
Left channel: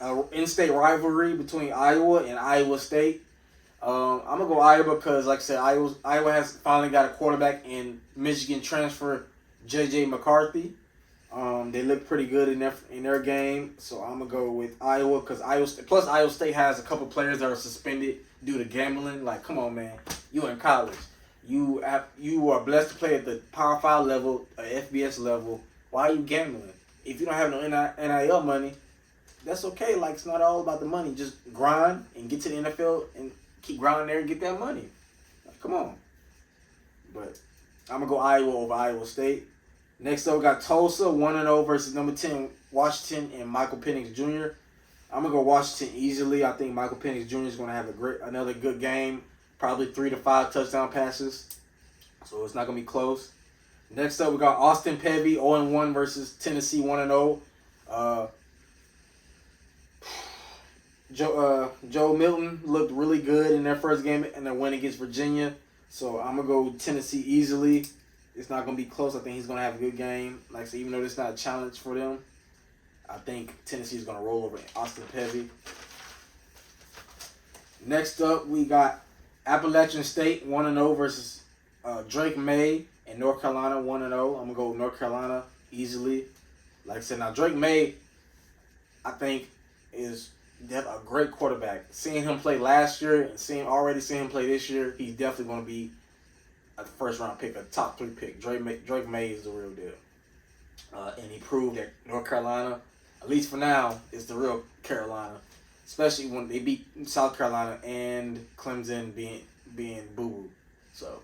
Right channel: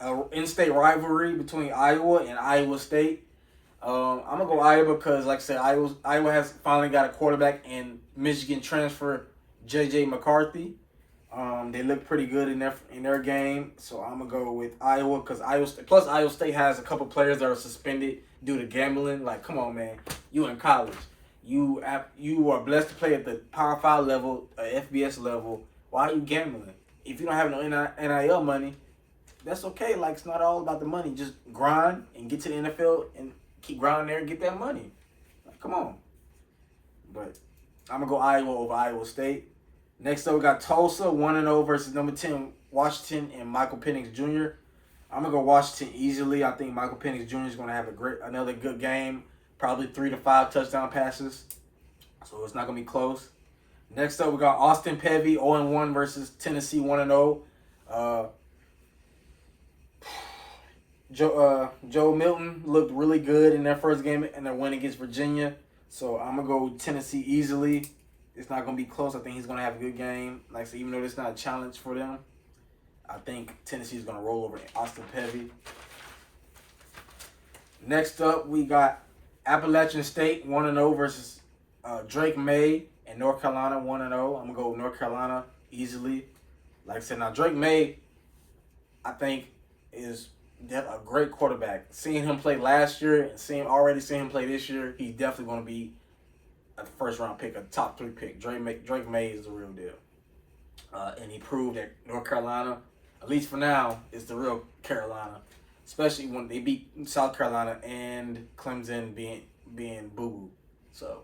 an in-state rivalry between Iowa and Iowa State. I'm gonna go Iowa because, like I said, Iowa has finally got a quarterback in Michigan transfer J.J. McCarthy. They look pretty good in their game, so I'm gonna go with Iowa because Iowa State has a couple players that are suspended due to gambling. Like, come on, man, you in college, you are blessed to play at the Power 5 level, FBS level. Why are you gambling? If you don't have no NIL money, that's okay. Like, it's not all about the money. Just grind and get to the NFL and keep grinding there and get that money. Like, come on. But I'm gonna go Iowa over Iowa State. Next up, we got Tulsa 1-0 versus number 10 Washington and Michael Penix Jr. I'm gonna go Washington easily. I think Michael Penix Jr. is gonna have another good game, probably 3 to 5 touchdown passes. So it's not gonna be close. Next up, we got Austin Peay 0-1 versus Tennessee 1-0. Joe Milton looked really good in their first game in their win against Virginia. So I'm gonna go Tennessee easily. It's not going to be close. I think he's going to have a good game. Like I said, even though it's not a challenge for them, I think Tennessee is going to roll over Austin Peay. Next up, we got Appalachian State 1-0 versus Drake May and North Carolina 1-0. I'm going to go with North Carolina easily. Like I said, now Drake May, I think, is a great quarterback. Seeing him play last year and seeing him play this year, he's definitely going to be a first round pick, a top 3 pick. Drake May is the real deal. And he proved that North Carolina, at least for now, is the real Carolina. Especially when they beat South Carolina and Clemson being boo-boo. So,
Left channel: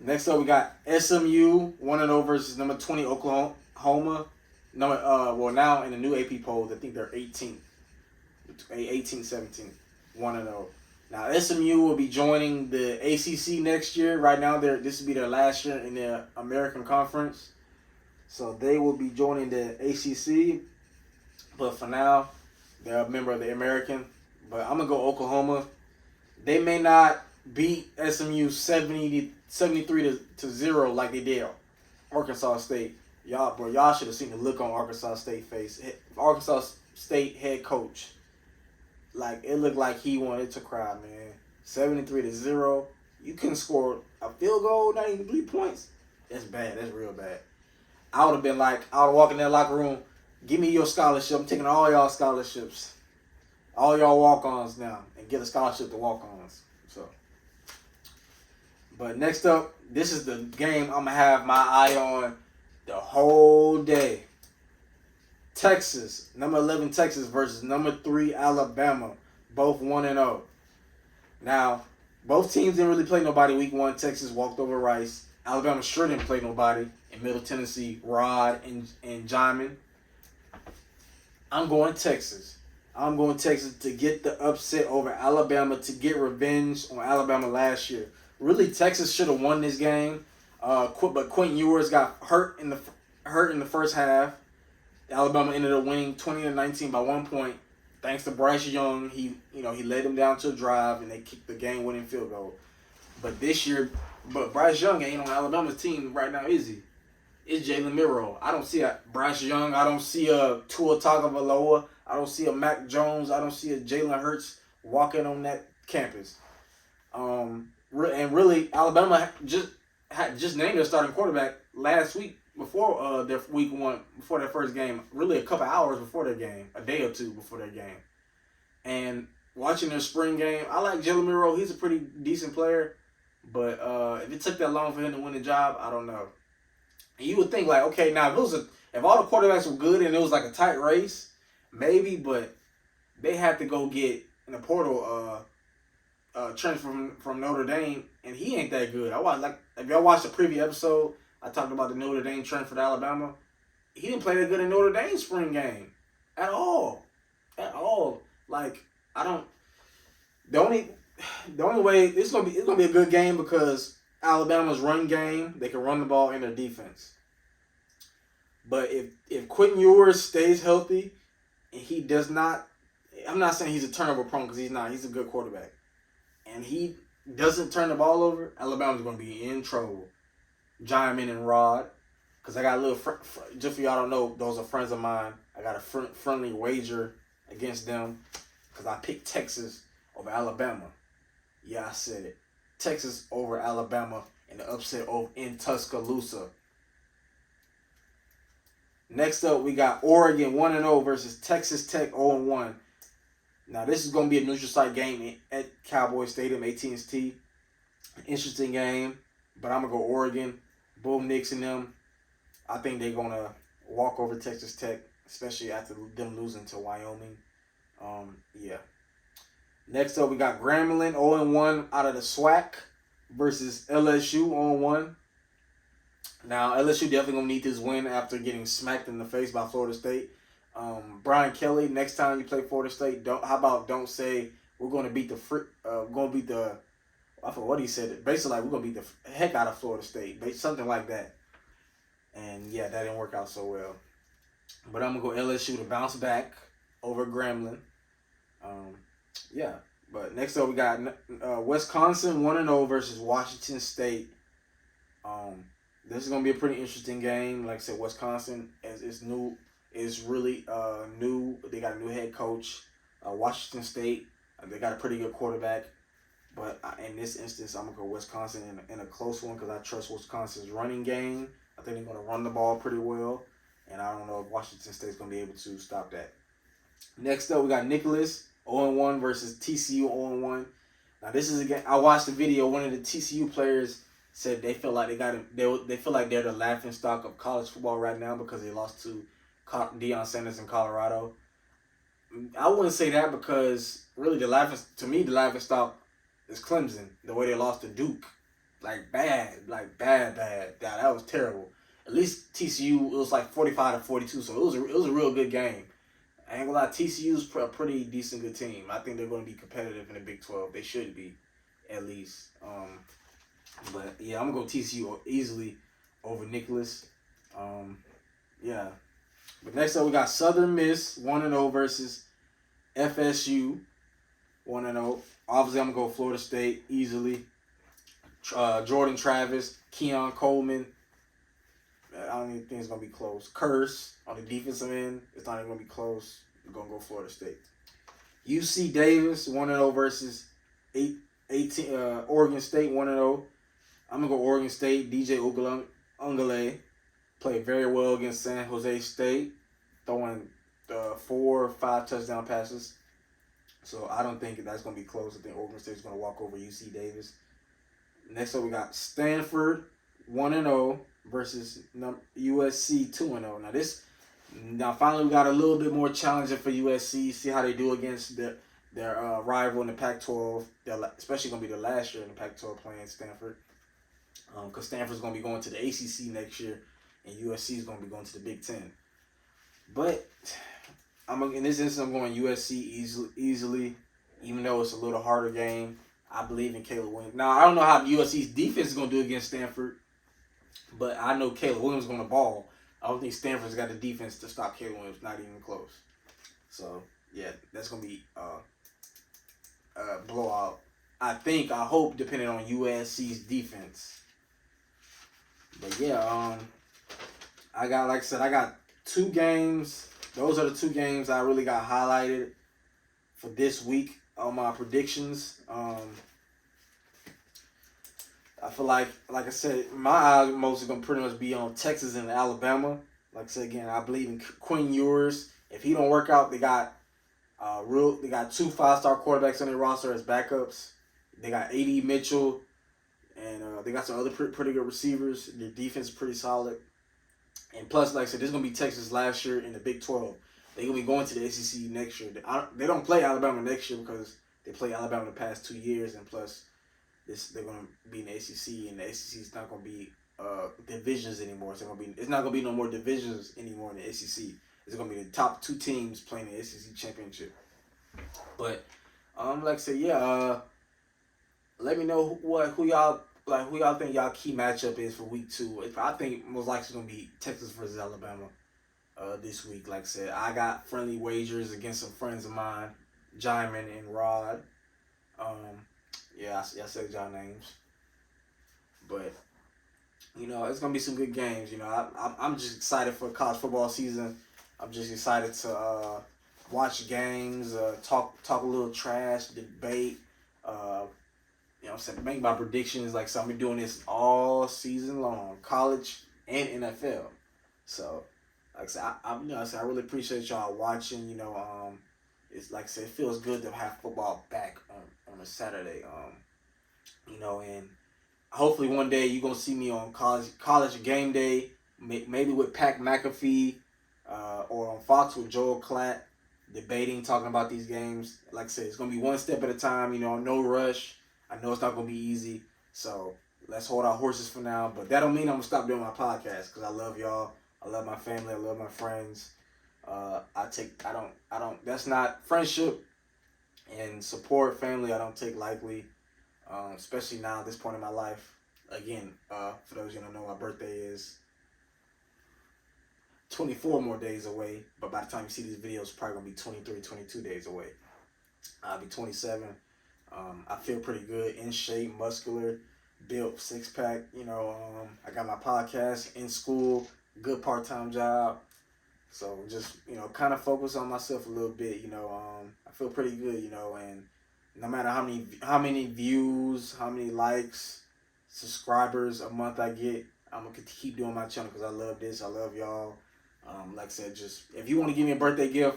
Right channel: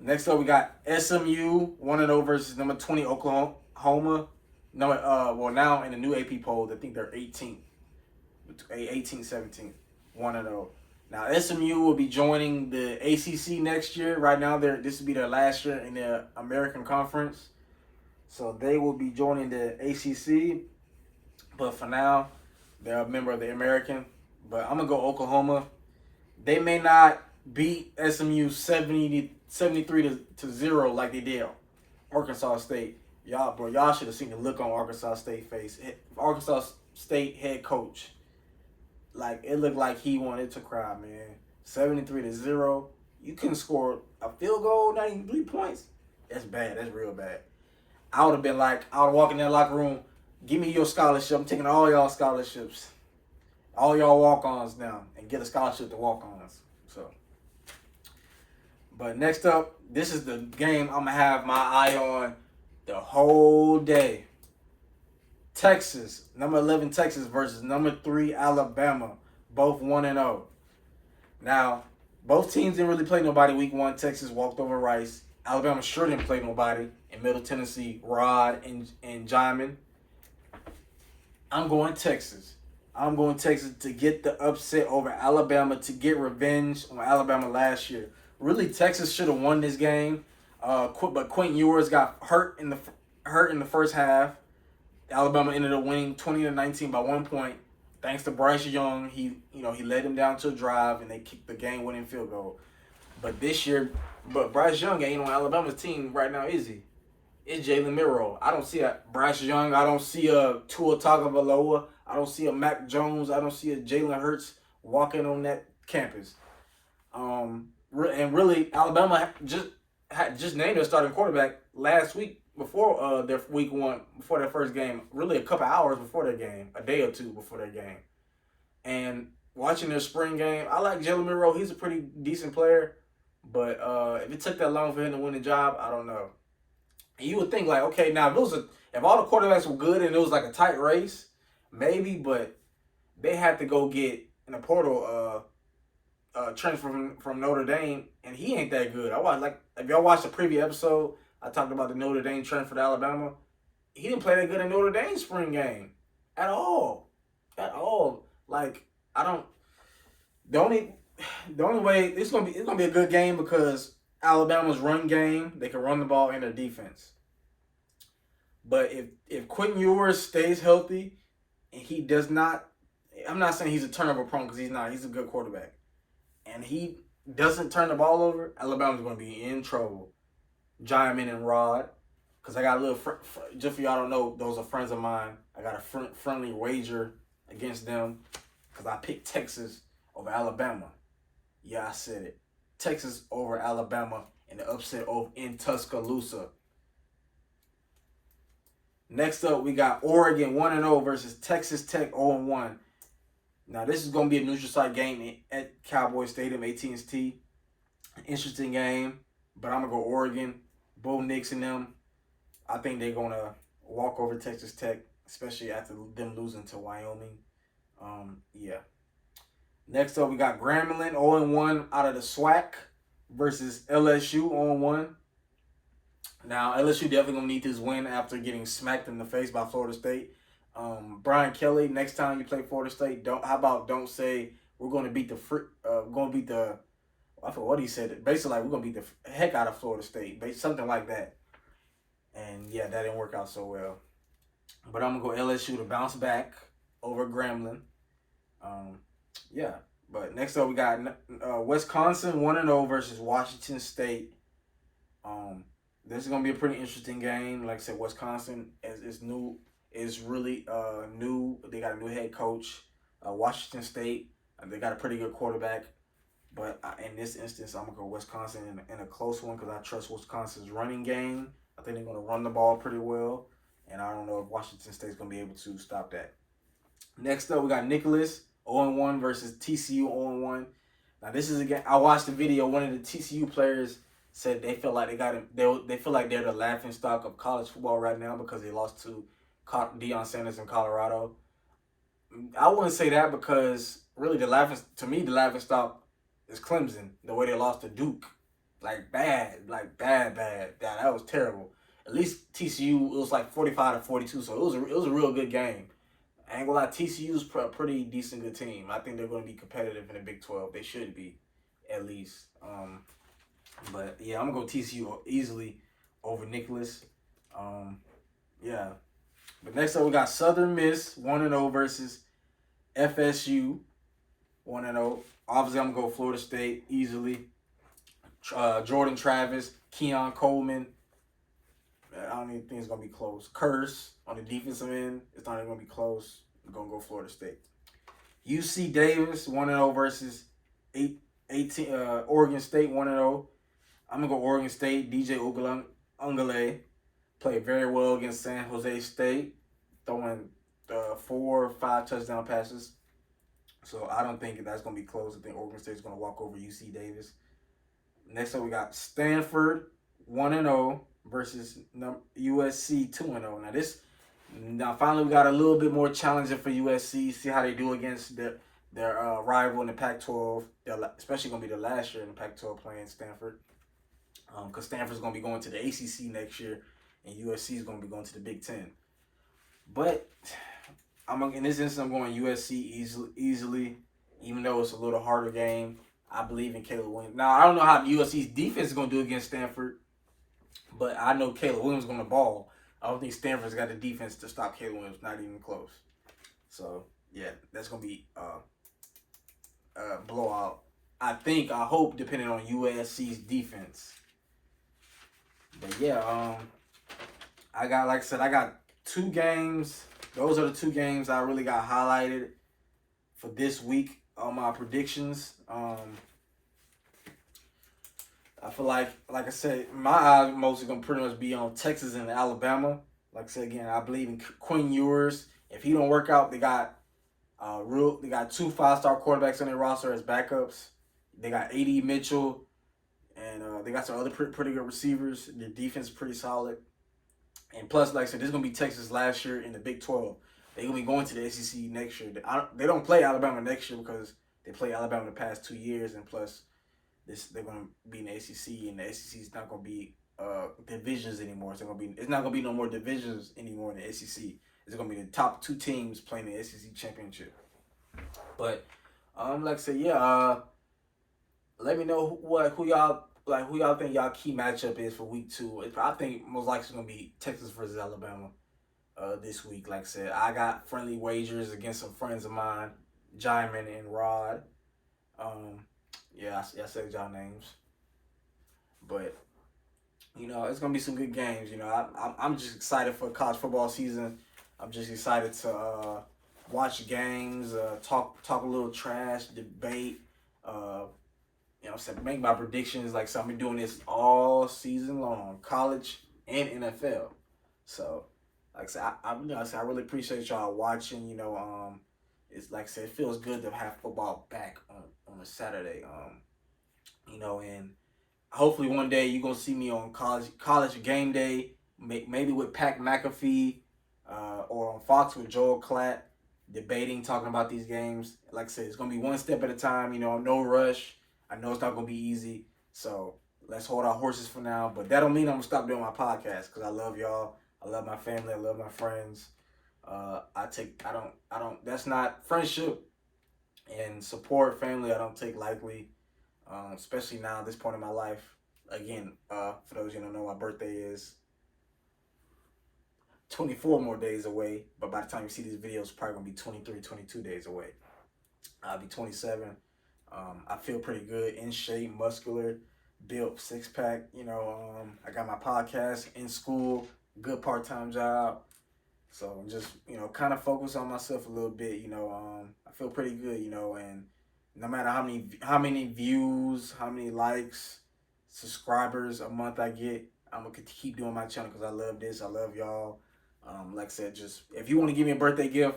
next up we got SMU 1-0 versus number 20 Oklahoma. Now in the new AP poll, I think they're 18th, 17th, 1-0. Now SMU will be joining the ACC next year. Right now, this will be their last year in the American Conference, so they will be joining the ACC. But for now, they're a member of the American. But I'm gonna go Oklahoma. They may not beat SMU 73 to 0 like they did Arkansas State. Y'all should have seen the look on Arkansas State face. Arkansas State head coach, like it looked like he wanted to cry, man. 73 to 0. You couldn't score a field goal, not even 3 points. That's bad. That's real bad. I would have been like, I would walk in that locker room. Give me your scholarship. I'm taking all y'all scholarships, all y'all walk-ons now, and get a scholarship to walk-ons. So, but next up, this is the game I'm gonna have my eye on the whole day. Texas, number 11 Texas versus number 3 Alabama, both 1-0. Now, both teams didn't really play nobody week 1. Texas walked over Rice. Alabama sure didn't play nobody in Middle Tennessee, Rod and Jaimin. I'm going Texas. I'm going Texas to get the upset over Alabama, to get revenge on Alabama last year. Really, Texas should have won this game, but Quentin Ewers got hurt in the first half. Alabama ended up winning 20-19 by 1 point, thanks to Bryce Young. He led them down to a drive and they kicked the game-winning field goal. But Bryce Young ain't on Alabama's team right now, is he? It's Jalen Milroe. I don't see a Bryce Young. I don't see a Tua Tagovailoa. I don't see a Mac Jones. I don't see a Jalen Hurts walking on that campus. And really, Alabama just named their starting quarterback last week before their week 1, before their first game. Really, a couple hours before their game, a day or two before their game. And watching their spring game, I like Jalen Milroe. He's a pretty decent player. But if it took that long for him to win the job, I don't know. And you would think like, okay, now if all the quarterbacks were good and it was like a tight race, maybe, but they had to go get in the portal transfer from Notre Dame, and he ain't that good. If y'all watched the previous episode, I talked about the Notre Dame transfer to Alabama. He didn't play that good in Notre Dame's spring game at all. Like the only way it's gonna be a good game because Alabama's run game, they can run the ball in their defense. But if Quentin Ewers stays healthy and he does not, I'm not saying he's a turnover prone because he's not. He's a good quarterback. And he doesn't turn the ball over, Alabama's going to be in trouble. Jaimin and Rod, because I got a little, just for y'all don't know, those are friends of mine. I got a friendly wager against them because I picked Texas over Alabama. Yeah, I said it. Texas over Alabama and the upset over in Tuscaloosa. Next up, we got Oregon 1-0 versus Texas Tech 0-1. Now, this is going to be a neutral site game at Cowboy Stadium, AT&T. Interesting game, but I'm going to go Oregon. Bo Nix and them, I think they're going to walk over Texas Tech, especially after them losing to Wyoming. Yeah. Next up, we got Grambling 0-1 out of the SWAC versus LSU 0-1. Now, LSU definitely going to need this win after getting smacked in the face by Florida State. Brian Kelly, next time you play Florida State, don't say we're going to beat I forgot what he said. Basically, like, we're going to beat the heck out of Florida State. Something like that. And, yeah, that didn't work out so well. But I'm going to go LSU to bounce back over Grambling. Yeah. But next up, we got Wisconsin 1-0 versus Washington State. This is going to be a pretty interesting game. Like I said, Wisconsin is new. Is really new. They got a new head coach. Washington State, they got a pretty good quarterback. But in this instance, I'm going to go Wisconsin in a close one because I trust Wisconsin's running game. I think they're going to run the ball pretty well. And I don't know if Washington State's going to be able to stop that. Next up, we got Nicholas 0-1 versus TCU 0-1. Now, this is, again, I watched the video. One of the TCU players said they feel like they feel like they're the laughing stock of college football right now because they lost to Deion Sanders in Colorado. I wouldn't say that because really the laughing stock is Clemson. The way they lost to Duke, bad. That was terrible. At least TCU, it was like 45-42, so it was a real good game. I ain't gonna lie, TCU's a pretty decent good team. I think they're gonna be competitive in the Big 12. They should be, at least. But yeah, I'm gonna go TCU easily over Nicholas. Yeah. But next up we got Southern Miss 1-0 versus FSU 1-0. Obviously, I'm gonna go Florida State easily. Jordan Travis, Keon Coleman. I don't even think it's gonna be close. Curse on the defensive end. It's not even gonna be close. We're gonna go Florida State. UC Davis 1-0 versus 18 Oregon State 1-0. I'm gonna go Oregon State. DJ Ungale played very well against San Jose State, throwing 4 or 5 touchdown passes. So I don't think that's gonna be close. I think Oregon State's gonna walk over UC Davis. Next up, we got Stanford 1-0 versus USC 2-0. Now finally we got a little bit more challenging for USC. See how they do against their rival in the Pac-12. Especially gonna be the last year in the Pac-12 playing Stanford. Because Stanford's gonna be going to the ACC next year, and USC is gonna be going to the Big Ten. But in this instance, I'm going USC easily, even though it's a little harder game. I believe in Caleb Williams. Now, I don't know how USC's defense is going to do against Stanford, but I know Caleb Williams is going to ball. I don't think Stanford's got the defense to stop Caleb Williams, not even close. So, yeah, that's going to be a blowout. I hope, depending on USC's defense. But, yeah, I got 2 games. Those are the 2 games I really got highlighted for this week on my predictions. I feel like I said, my eyes mostly gonna pretty much be on Texas and Alabama. Like I said again, I believe in Quinn Ewers. If he don't work out, they got 2 5-star quarterbacks on their roster as backups. They got A.D. Mitchell, and they got some other pretty good receivers. Their defense is pretty solid. And plus, like I said, this is going to be Texas last year in the Big 12. They're going to be going to the SEC next year. They don't play Alabama next year because they played Alabama the past 2 years. And plus, they're going to be in the SEC. And the SEC is not going to be divisions anymore. It's not going to be no more divisions anymore in the SEC. It's going to be the top 2 teams playing the SEC championship. But, like I said, yeah, let me know who y'all think y'all key matchup is for week 2. I think most likely it's gonna be Texas versus Alabama this week. Like I said, I got friendly wagers against some friends of mine, Jaimin and Rod. I said y'all names, but it's gonna be some good games. I'm just excited for college football season. I'm just excited to watch games, talk a little trash, debate. Make my predictions. Like, so I'm doing this all season long, college and NFL. So, like I said, I really appreciate y'all watching. It's like I said, it feels good to have football back on a Saturday. And hopefully one day you're gonna see me on college game day, maybe with Pat McAfee, or on Fox with Joel Klatt, talking about these games. Like I said, it's gonna be one step at a time. No rush. I know it's not going to be easy, so let's hold our horses for now. But that don't mean I'm going to stop doing my podcast because I love y'all. I love my family. I love my friends. That's not friendship and support family. I don't take lightly, especially now at this point in my life. Again, for those you don't know, my birthday is 24 more days away. But by the time you see these videos, it's probably going to be 23, 22 days away. I'll be 27. I feel pretty good, in shape, muscular, built, 6-pack. I got my podcast, in school, good part-time job. So just, kind of focus on myself a little bit. I feel pretty good, and no matter how many views, how many likes, subscribers a month I get, I'm going to keep doing my channel because I love this. I love y'all. Like I said, just if you want to give me a birthday gift,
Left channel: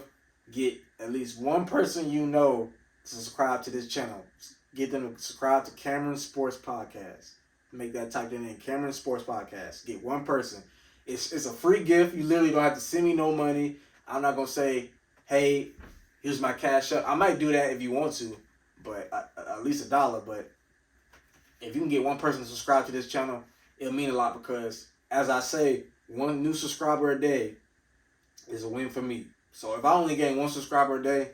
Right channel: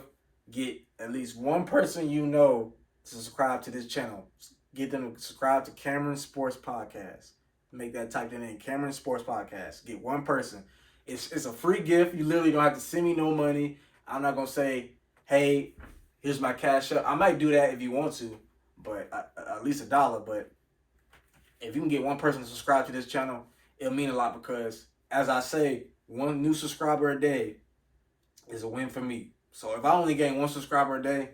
get at least one person to subscribe to this channel. Get them to subscribe to Cameron Sports Podcast. make that typed in Cameron Sports Podcast. Get one person. It's a free gift. You literally don't have to send me no money. I'm not gonna say, hey, here's my cash up. I might do that if you want to, but at least $1. But if you can get one person to subscribe to this channel, it'll mean a lot because, as I say, one new subscriber a day is a win for me. So if I only gain one subscriber a day,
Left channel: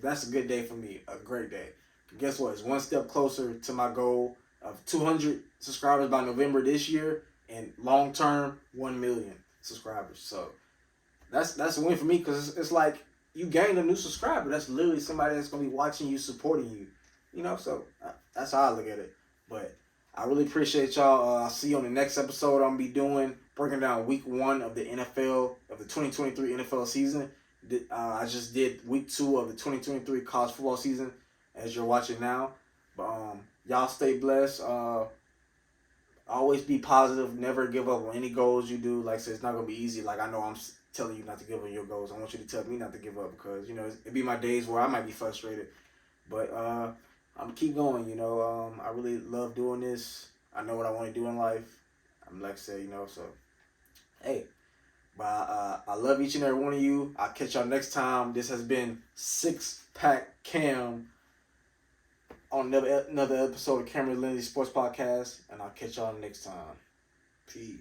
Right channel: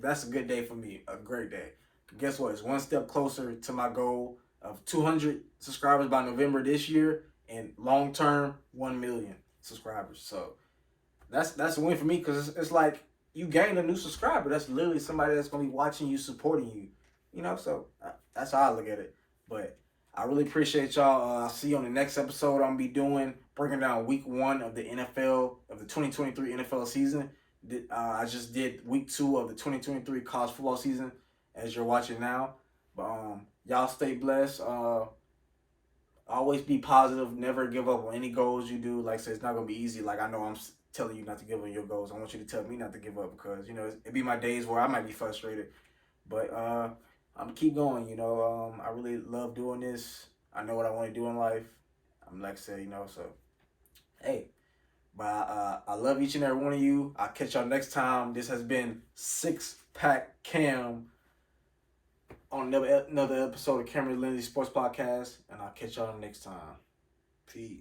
that's a good day for me, a great day. Guess what? It's one step closer to my goal of 200 subscribers by November this year, and long term 1 million subscribers. So that's a win for me because it's like you gained a new subscriber. That's literally somebody that's gonna be watching you, supporting you. You know, so that's how I look at it. But I really appreciate y'all. I'll see you on the next episode. I'm gonna be doing breaking down week 1 of the NFL of the 2023 NFL season. I just did week 2 of the 2023 college football season, as you're watching now. But y'all stay blessed. Always be positive. Never give up on any goals you do. Like I said, it's not gonna be easy. Like I know I'm telling you not to give up your goals. I want you to tell me not to give up because it be my days where I might be frustrated. But I'm keep going. I really love doing this. I know what I want to do in life. I'm like I said, so hey. But I love each and every one of you. I'll catch y'all next time. This has been Six Pack Cam on another episode of Cameron Lindsay Sports Podcast. And I'll catch y'all next time. Peace.